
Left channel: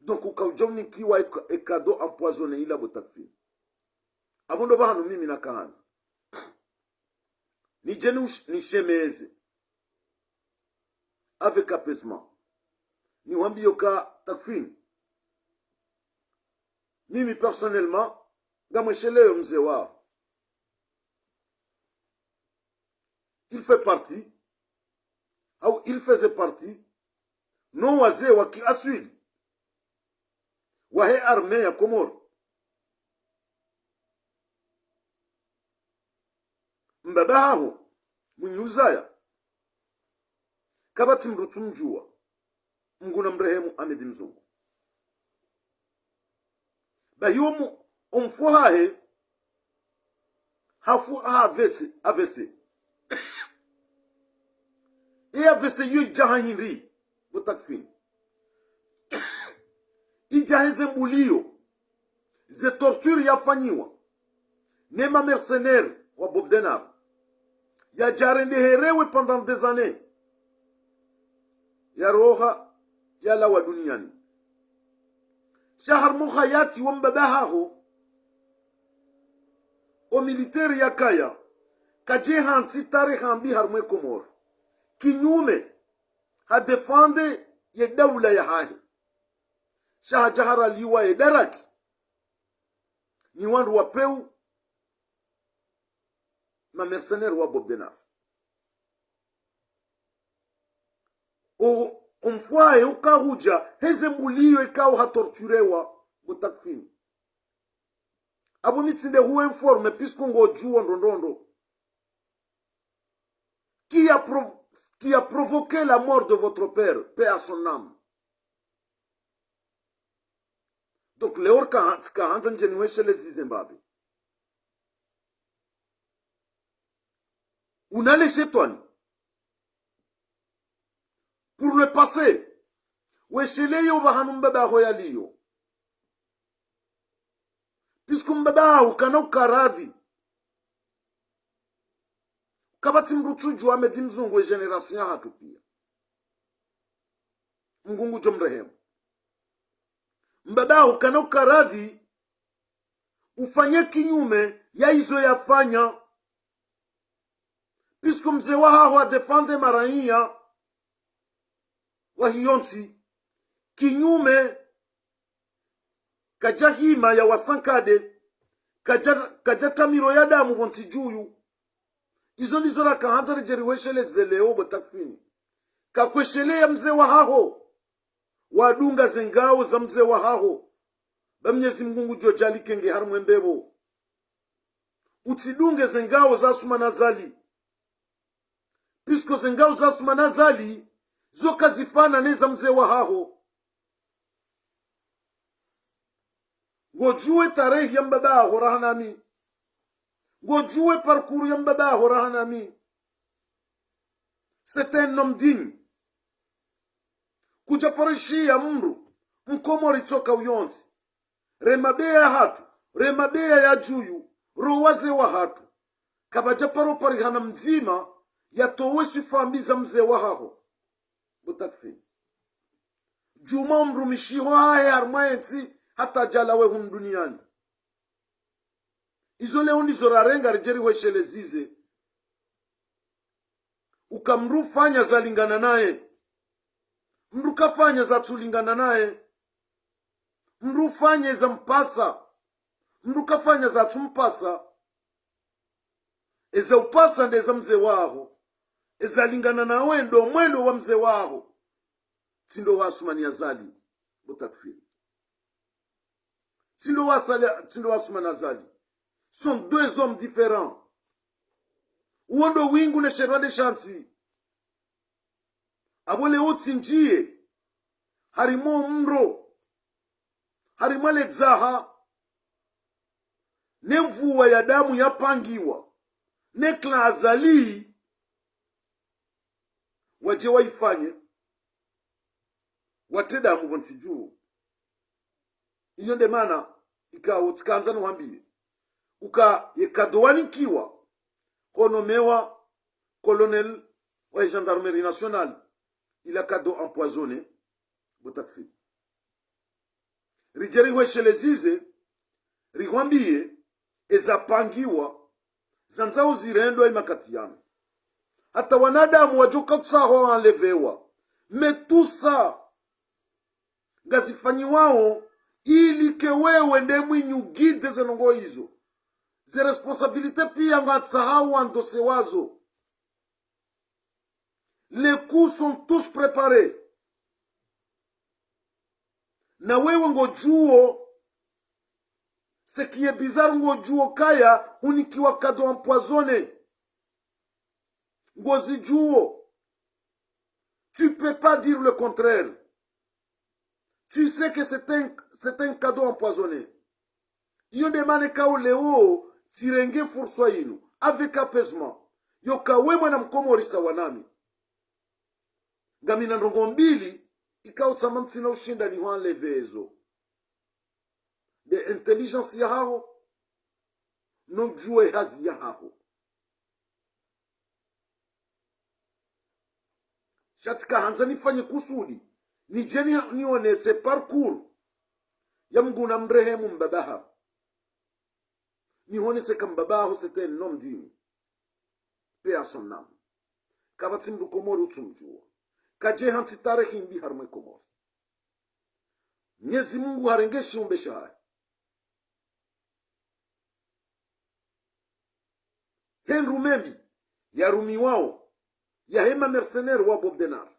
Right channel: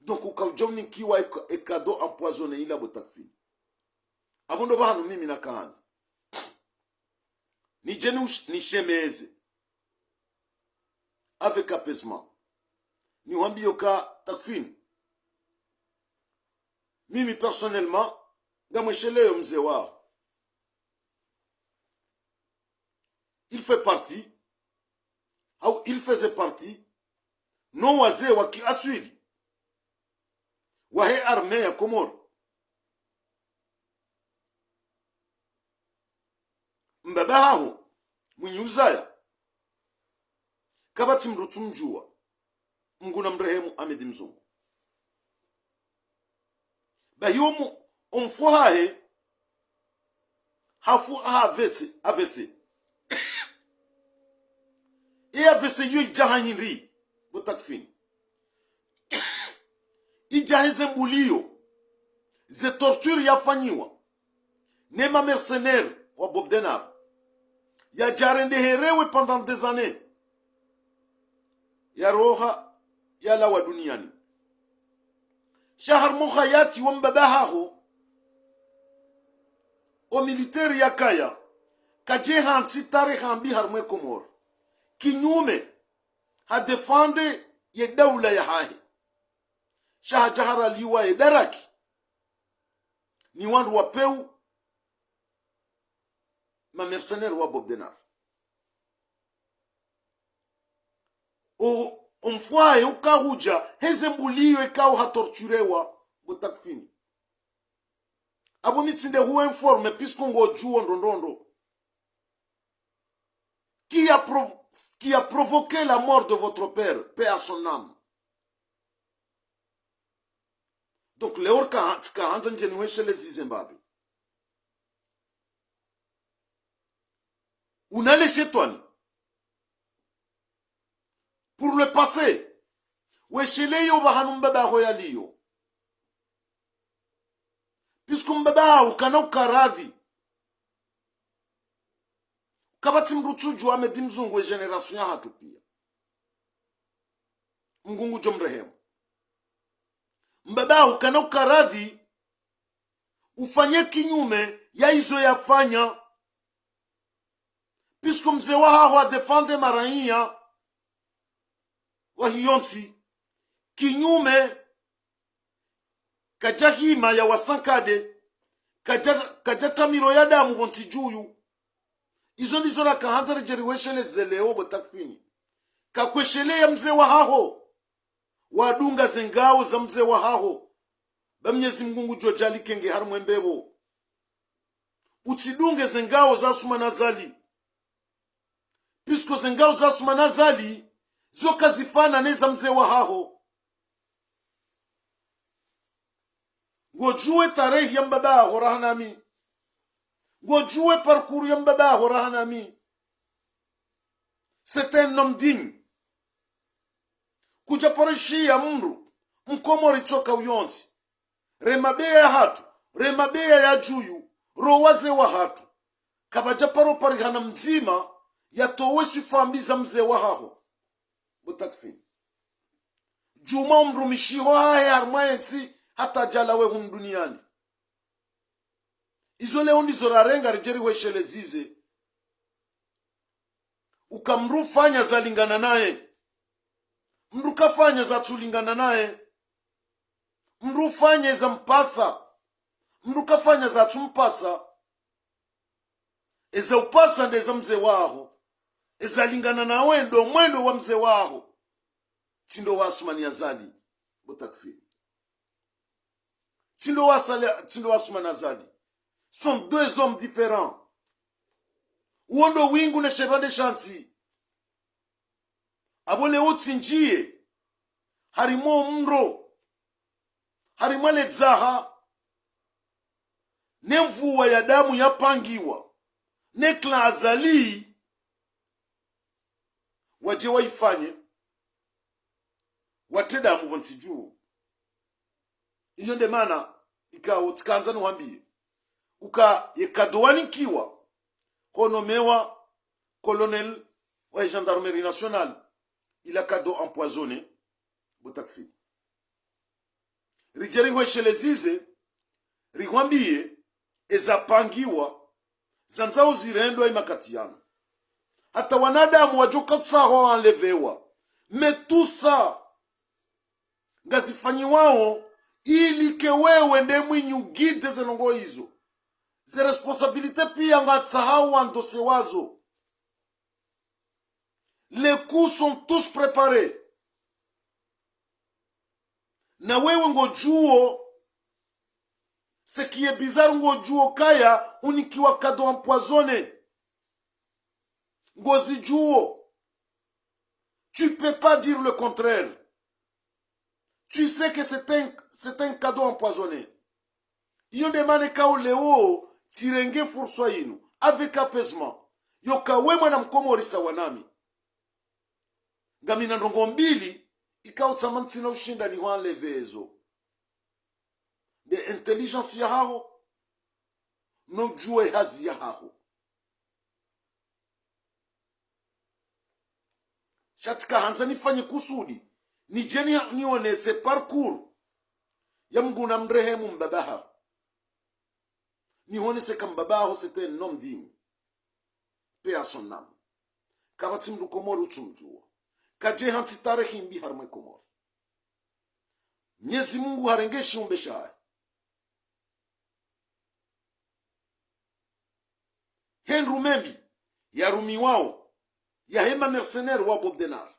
Donc ukajomni kiwa ekado empoisonné ila botakfi abondo bahano mimi nakaanza ni jenu ni shemeze avec apaisement. Ni wambi yoka takfini. Mimi personnellement, gamwesheleyo mzee wao. Il fait partie, ou il faisait partie, non wazee wa kiaswili wahe arme ya Komoro. Mbaba hao mwinyuzaya kabati mrutu mjua mnguna mrehemu Ahmed Mzungu. Bahiyo umfuhahe hafu avese e avese yu ijahaniri botakfini ijahize mbulio ze torture yafanyiwa nema mercenaire wa Bob Denard ya jarende herewe pendant des années ya roha ya lawa duniani shahar mukhayati wa mbabahaho o militaire ya kaya kaje hansi tarikh ambi harmwe Komoro kinyume ha defende ye dawla ya hahi shaha jahara liwa ye daraki ni wandu wapeu ma mercenaire wa Bob Denard o umfwaye ukahuja heze mbulio ikaw ha torturewa botakfini abo mitsinde huwa informe puisqu'on go juo ndondondo qui a provoqué la mort de votre père, paix à son âme. Donc leo ka hanza njeniwe shele Zimbabwe unale chetwani pour le passé weshele yo bahanu mbaba hoya liyo puisque mbaba ukana ukaradhi kabati mrutuju Ahmed Mzungu we generation ya hatu pia mgungu jomrehemu mbaba ukana ukaradhi ufanye kinyume ya hizo yafanya puisque mzee wa hawa defende maraia wa hiyonsi kinyume kajahima ya wasankade kajata miro ya damu bonti juyu izo ndizo na kahanza rejeriweshele zeleo botakfini kakweshele ya mzee wa haho wadunga zengao za mzee wa haho bamnyezi mgungu jojali kenge harmwe mbebo utidunge zengao za sumanazali pisko zengao za sumanazali zoka zifana neza mzee wa haho ngojue tarehe ya mbaba horahanami ngojue parcours ya mbaba horahanami. C'est un homme digne kujaporishia mru mkomori toka uyonzi remabea hatu remabea ya juyu rowaze wa hatu kabajaparo parihana mzima ya towesi fambiza mzee wa haho botakfini juma mrumishiho hae harmayensi hata jalawe hum duniani izo leo ndizo rarenga rejeri weshele zize ukamrufanya za lingana naye mrukafanya za tulingana naye mrufanya za mpasa mrukafanya za tumpasa eza upasa ndeza mzee waho eza lingana na wendo mwendo wa mzee waho tindo wasumani azali botakfini tindo wasumani azali sont deux hommes différents. Uondo wingu ne sherwa de shanti abole utsinjie harimo mro harimo ledzaha ne mvua ya damu yapangiwa ne kla azali waje waifanye watedamu bontiju iyo ndemana ikawo tikanza nuhambie uka yekadowanikiwa konomewa colonel wa gendarmerie nationale il a cadeau empoisonné botakfi rijeri weshele zize rigwambie ezapangiwa zanzao zirendo imakatiana hata wanadamu wajoka tsaho enlevewa Mais tout ça ngazifanyiwao ili ke wewe nde mwinyu guide zenongo hizo. Ze responsabilité pia ngatsahau andose wazo. Les coups sont tous préparés. Na wewe ngojuo, ce qui est bizarre ngojuo kaya unikiwa kado empoisonné. Ngozi juo. Tu peux pas dire le contraire. Tu sais que c'est un cadeau empoisonné. Yonde mane kao leo tirenge furso yinu avec apaisement. Yoka wema na mkomorisa wanami. Ngamina ndongo mbili ikao tsamantina ushinda ni wanleve ezo. De intelligence ya hao no jue hazi ya hao. Shatika hanza nifanye kusudi. Nijeni nionese parcours ya mguna mrehemu mbabaha. Nihonese kambabaho c'était un homme digne. Paix à son âme. Kabati mdu komori utumjua. Kaje hanti tarehi mbi harmwe komori. Mwenyezi Mungu harengeshi umbeshara. Hen rumembi ya rumi wao ya hema mercenaire wa Bob Denar.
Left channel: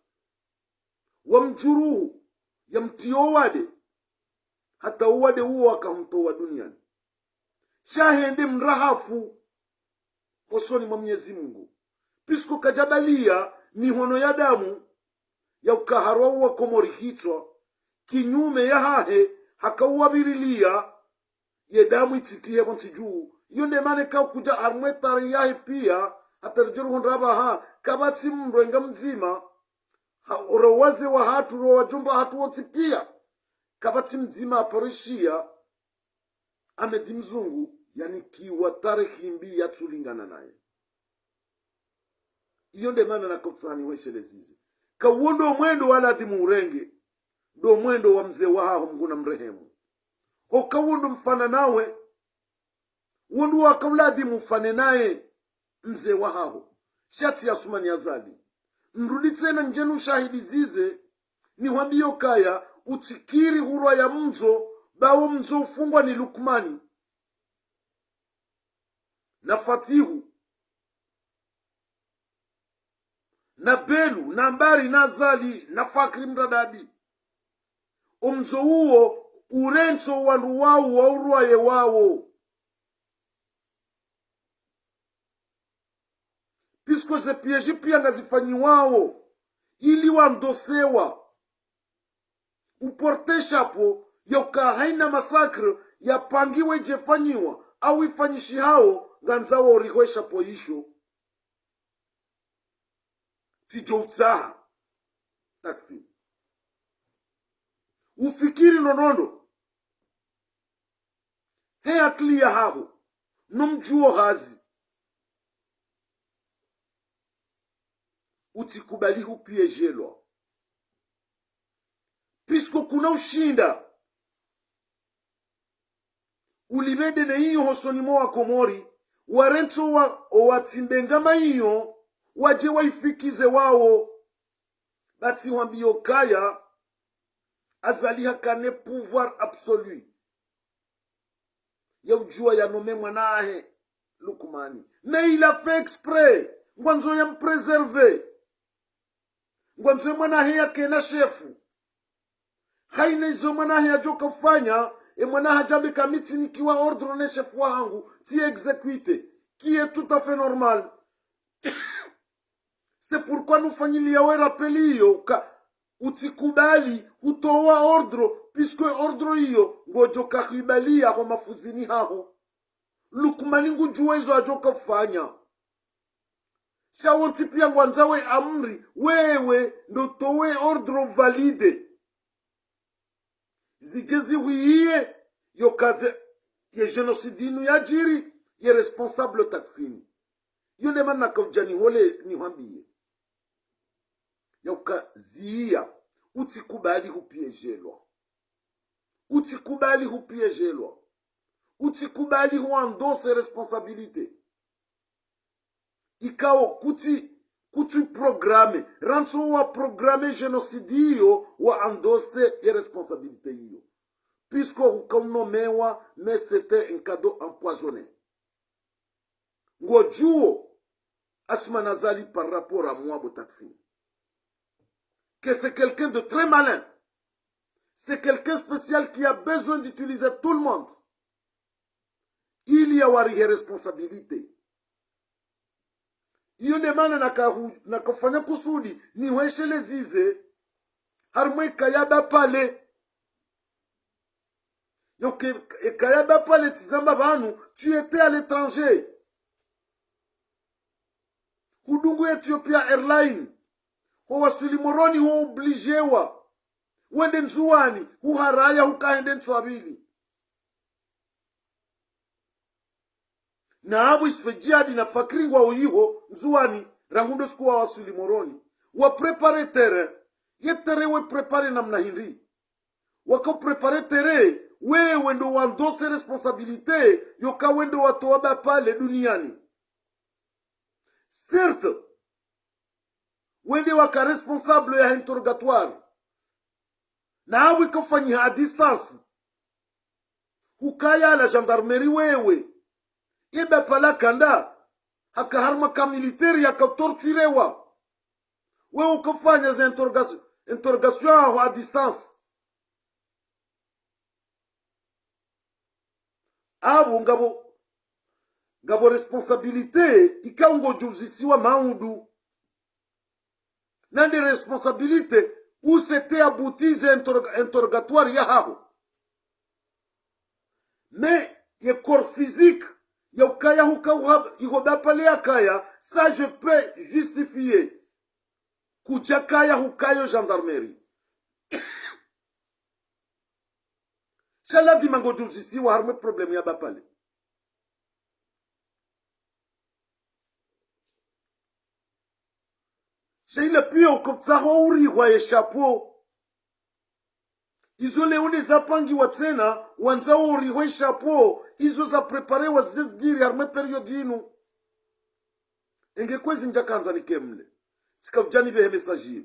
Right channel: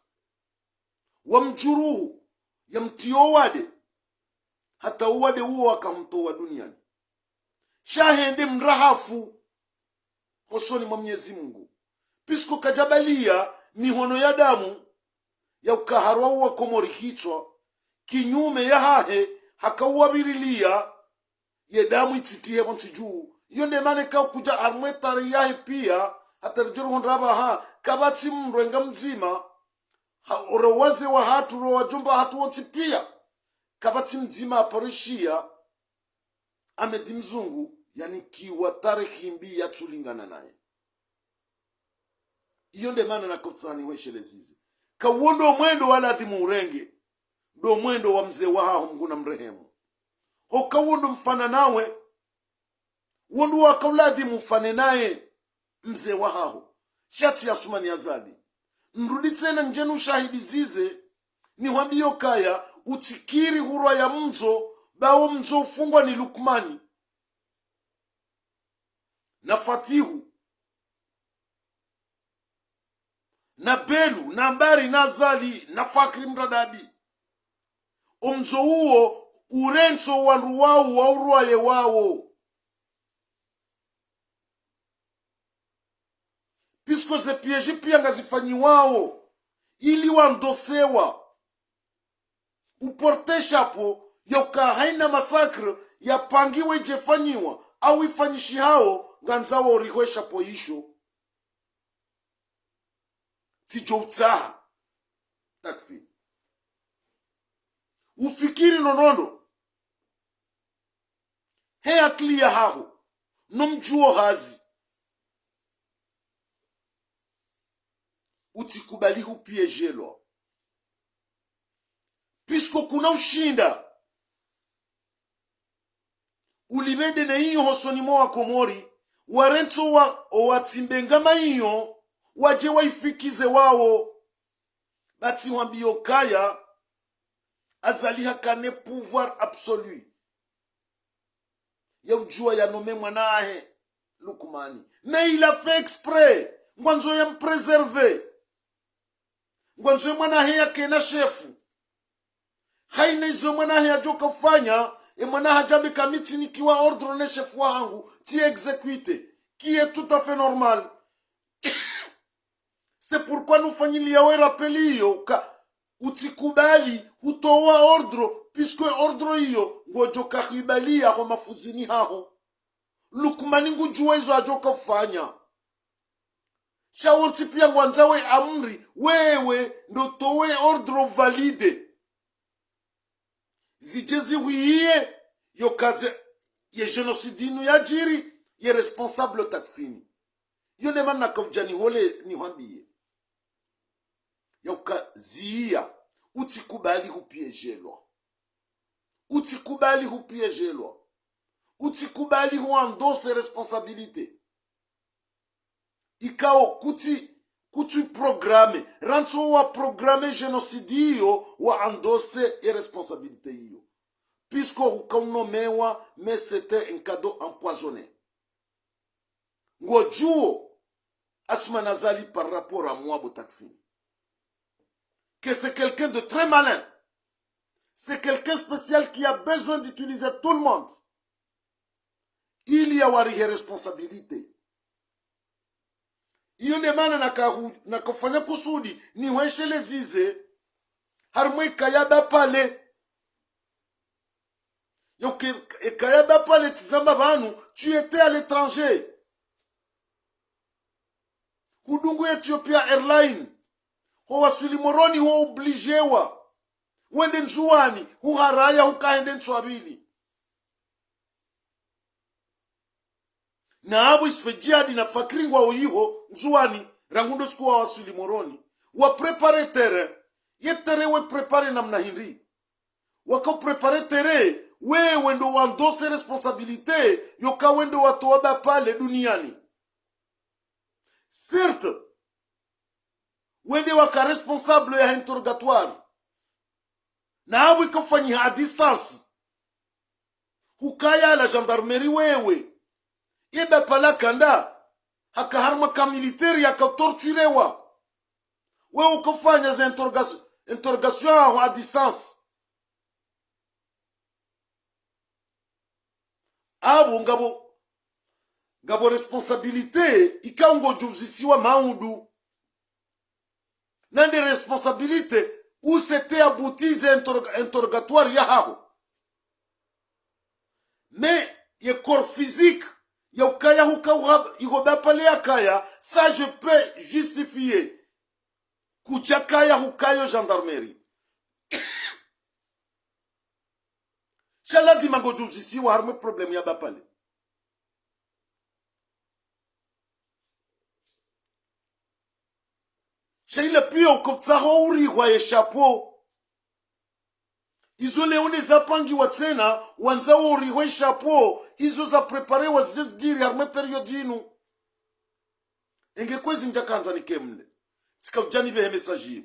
Wa mjuruhu ya mtio wade hata uwade uo wakamtoa duniani. Shahende mrahafu hosoni mwa Mwenyezi Mungu. Pisko kajabalia mihono ya damu ya ukaharwa uwa komori hichwa kinyume ya hahe hakauwabirilia ye damu ititie bonti juu. Yonde mane kao kuja armetari yahe pia hata rjuru hondraba ha kabati mrenga mzima orowaze wa hatu rowa jumba hatu woti pia kabati mzima aparishia amedi mzungu yani kiwa tarehi mbi ya tulingana naye. Iyo nde mana na kotsani weshele zizi. Kawondo mwendo wala ati muurenge. Do mwendo wa mzee wa haho mguna mrehemu. Ho kawondo mfana nawe. Wondo wa kauladi mfane naye mzee wa haho. Shati ya sumani azadi. Mrudi tena njenu shahidi zize. Ni wambio kaya utikiri hurwa ya mzo. Bao mzo ufungwa ni Lukmani. Na Fatihu. Na Belu, na Mbari, na Zali, na Fakri Mradabi. Omzo huo urenso wandu wao wa uruaye wao. Pisko ze pieji pia ngazifanyi wao. Ili wandosewa. Uporte shapo yoka haina masakre ya pangiwe jefanyiwa. Au ifanyishi hao ganzawa orihwe shapo isho. Tijouta takfi ufikiri nonondo he akli ya haho nomjuo hazi utikubali hupiejelwa pisko kuna ushinda ulimede na hiyo hosoni moa komori warento wa owatsimbengama hiyo waje waifikize wao bati wambio kaya azali hakane pouvoir absolu ya ujua ya nome mwanahe Lukmani. Mais il a fait exprès ngwanzo ya mpreserve ngwanzo ya mwanahe ya kena shefu haine izo mwanahe ya joka ufanya mwanahe jambi kamiti nikiwa ordre ne shefu wangu ti exécuté qui est tout à fait normal. C'est pourquoi nous fanyilia we rappeli yo utikubali utowa ordre puisque ordre hiyo ngojoka kuibalia kwa mafuzini haho Lukmani ngujua hizo ajoka kufanya shawonti pia ngwanzawe amri wewe ndo towe ordre valide zijezi wiye yo kaze ye genocidinu ya jiri ye responsable takfini yone manna kujani hole ni hambie yoka ziya utikubali hupiejelwa utikubali hupiejelwa utikubali huandose responsabilite ikao kuti kutu programe ranso wa programe genocidio wa andose e responsabilité hiyo puisque ukaunomewa mais c'était un cadeau empoisonné ngojuo asuma nazali par rapport à moi Botakfini que c'est quelqu'un de très malin, c'est quelqu'un spécial qui a besoin d'utiliser tout le monde. Il y a wari responsabilité. Iyo ndio maana nakafanya kusudi niweshe lezize harmwe kayaba pale yoke kayaba pale tizamba banu tu étais à l'étranger hudungu Ethiopia Airline ho wasuli moroni ho obligewa wende nzuani huharaya hukaende nswabili na abu isfejadi na fakiri wa uyiho nzuani rangundo sikuwa wasuli moroni wa prepare terrain ye terrain we prepare namna hindi wako prepare terrain we wendo wandose responsabilité yoka wendo watoaba pale duniani certes wende waka responsable ya interrogatoire na abu ikafanyiha a distance hukaya la gendarmerie wewe ibe pala kanda haka harma ka militari yaka torturewa wewe ukafanya za interrogation a distance abu ngabo responsabilité ikaungo juzisiwa maudu nande responsabilité où c'était abouti interrogatoire yahaho mais le corps physique yaukaya huka igoba pale yakaya ça je peux justifier kujakaya hukayo gendarmerie chala di mango juzisi wa harme problème ya bapale c'est le pire comme ça uri wa chapeau izo leone zapangi watsena wanza uri wa chapeau izo za prepare wazigiri harme period inu engekwezi ndakanza nikemle sikajani be message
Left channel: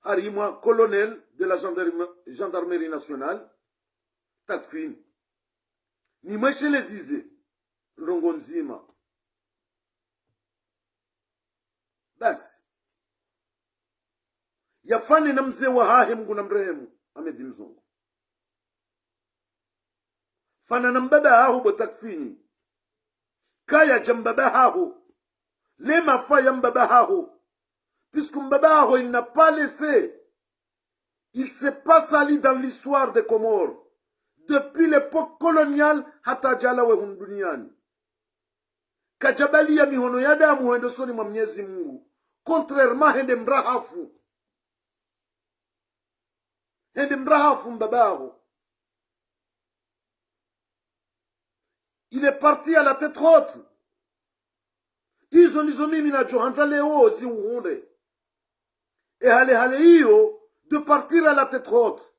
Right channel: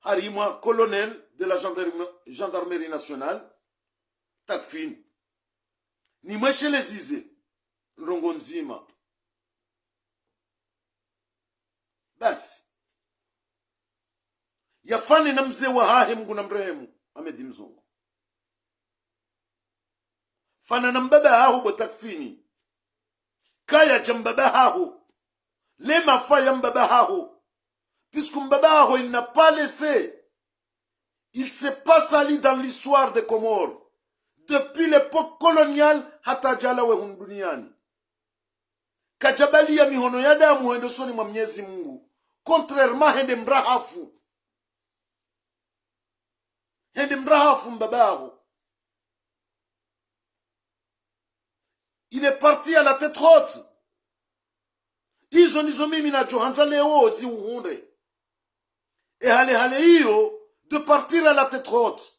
harimwa colonel de la gendarmerie nationale Takfini ni mweshe lezize ndongo nzima basi yafani na mzee wa hahe Mungu na mrehemu Ahmed Mzungu fana na mbaba hahu Botakfini kaya jambaba hahu lema faya mbaba hahu puisque mbaba hahu il n'a pas laissé, il s'est pas sali dans l'histoire des Comores depuis l'époque coloniale hata jala we hunduniani kajabali ya mihono ya damu hende soni mwa Mwenyezi Mungu contrairement hende mrahafu mbabaho il est parti à la tête haute izo nizo mimi na Johanza leo zi uhunde et hale hiyo de partir à la tête haute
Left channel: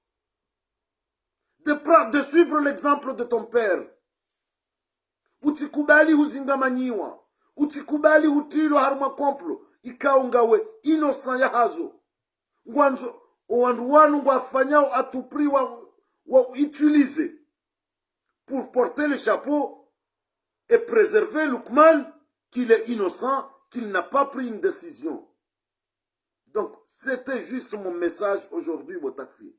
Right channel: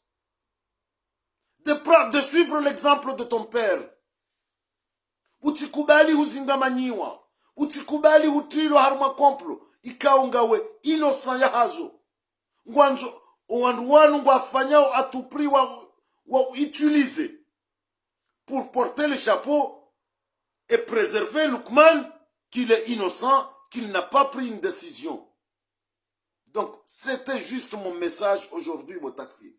de suivre l'exemple de ton père utikubali huzingamanyiwa utikubali hutilo harma komplo ikaungawe innocent ya hazo ngwanzo owanduwanu ngwafanyao atupri wa utiliser pour porter le chapeau et préserver Lukman qu'il est innocent, qu'il n'a pas pris une décision. Donc c'était juste mon message aujourd'hui Botakfini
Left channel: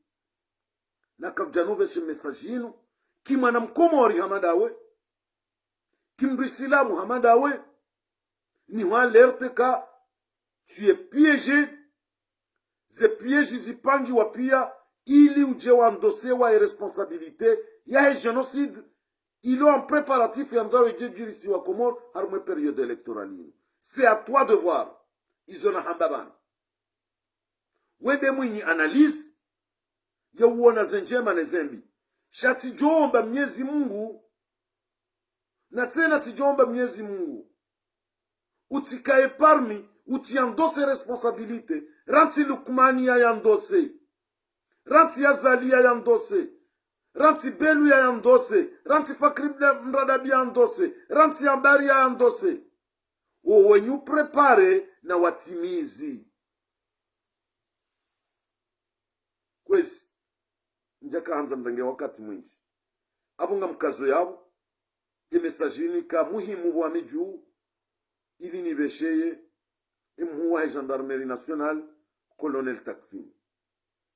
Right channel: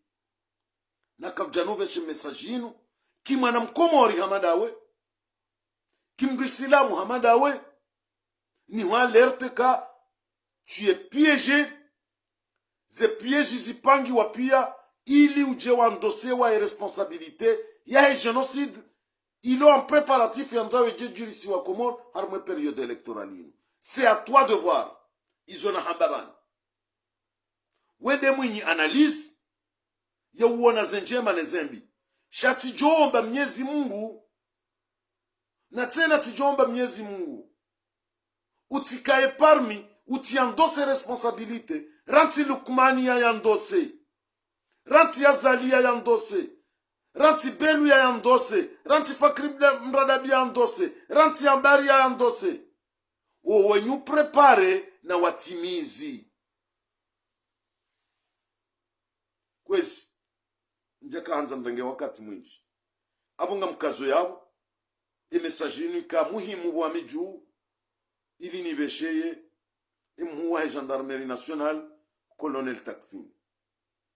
nakabjanove ce message yinu kimana mkomori hamadawe kimbrisilamu hamadawe ni wa alerte ka tu es piégé ze pièges zipangi wapia ili uje wandose wa responsabilité ya génocide ilo en préparatif yanzao ejejurisi wa Comores harme période électorale. C'est à toi de voir izona hambaban wende mwinyi analyse ya uona zenjema nezembi shati jomba Mwenyezi Mungu na tena tijomba Mwenyezi Mungu utikae parmi utiandose responsabilité ranti Lukmani ya yandose ranti Yazali ya yandose ranti Belu ya yandose ranti Fakri Mradabi ya yandose ranti Ambari ya yandose wenyu prepare na watimizi. Kwezi njaka hanza ndenge wakati mwinji abunga mkazo yabo imesajini ka muhimu wa miju ili nivesheye imhuwa gendarmerie nationale colonel Takfin.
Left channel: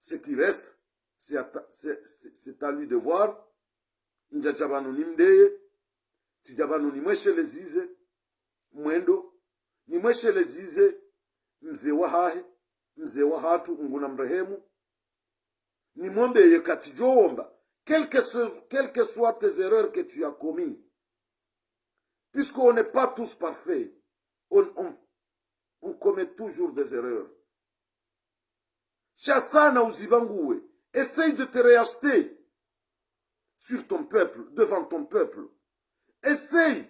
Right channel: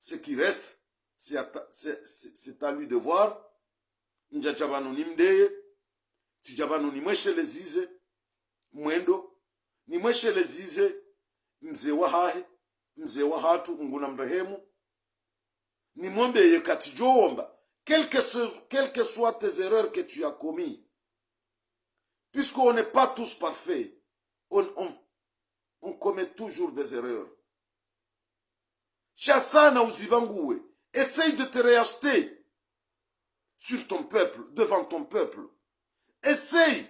Ce qui reste c'est à lui de voir. Njajabanu ni mdeye tijabanu ni mweshe lezize mwendo ni mweshe lezize mzee wa hahe mzee wa hatu nguna mrehemu ni mwombe kati joomba quelles que soient tes erreurs que tu as commis, puisqu'on n'est pas tous parfaits, on commet toujours des erreurs. Chassana Ouzibangoue, essaye de te réacheter sur ton peuple, devant ton peuple. Essaye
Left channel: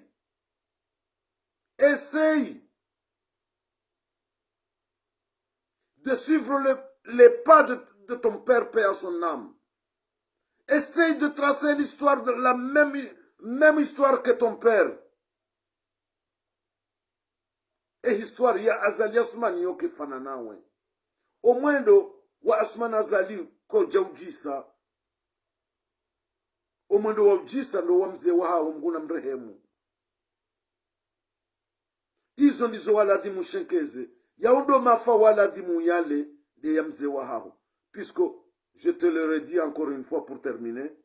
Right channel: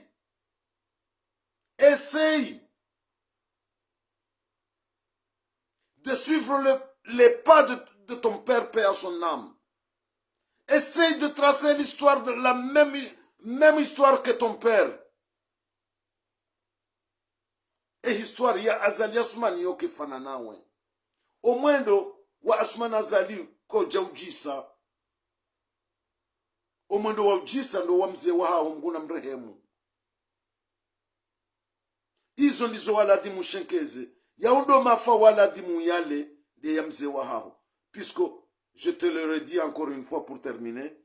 de suivre les pas de ton père, paix à son âme. Essaye de tracer l'histoire de la même histoire que ton père. Et histoire ya azali asmani yoke fananawe. Omwendo wa asmani azali ko jaujisa. Omwendo wa ujisa ndo wa mzee wa hao mguna mrehemu. Hizo ndizo waladhimu shenkeze. Ya undo mafa waladhimu yale de ya mzee wa hao. Puisque je te le redis encore une fois pour terminer.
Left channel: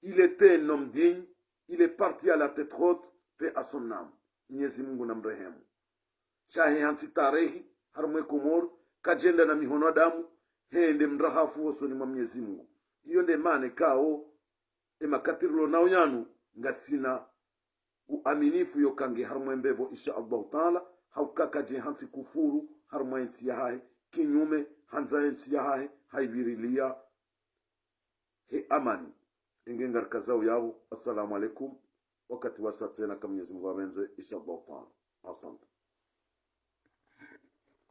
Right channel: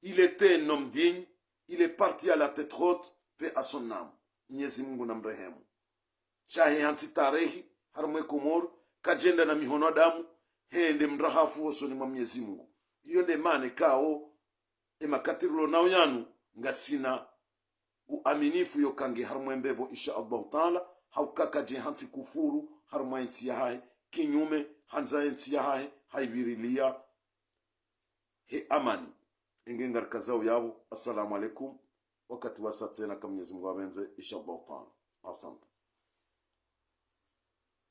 Il était un homme digne. Il est parti à la tête haute. Paix à son âme. Mwenyezi Mungu na mrehemu. Shahe hansi tarehi. Harumwe kumor. Kajenda na mihono damu. Hende mrahafu wasoni mwa Mwenyezi Mungu. Iyo nde mane kao. Ema katirlo na uyanu. Ngasina uaminifu yokange harumwe mbebo insha Allah ta'ala. Haukaka je hansi kufuru. Harumwe nti ya hae. Kinyume hanza nti ya hae. Haibirilia he amani ingengar kazao yabo. Assalamu alaikum wakati wa saa tena kama Mwenyezi Mungu amenze inshallah ta'ala. Asante.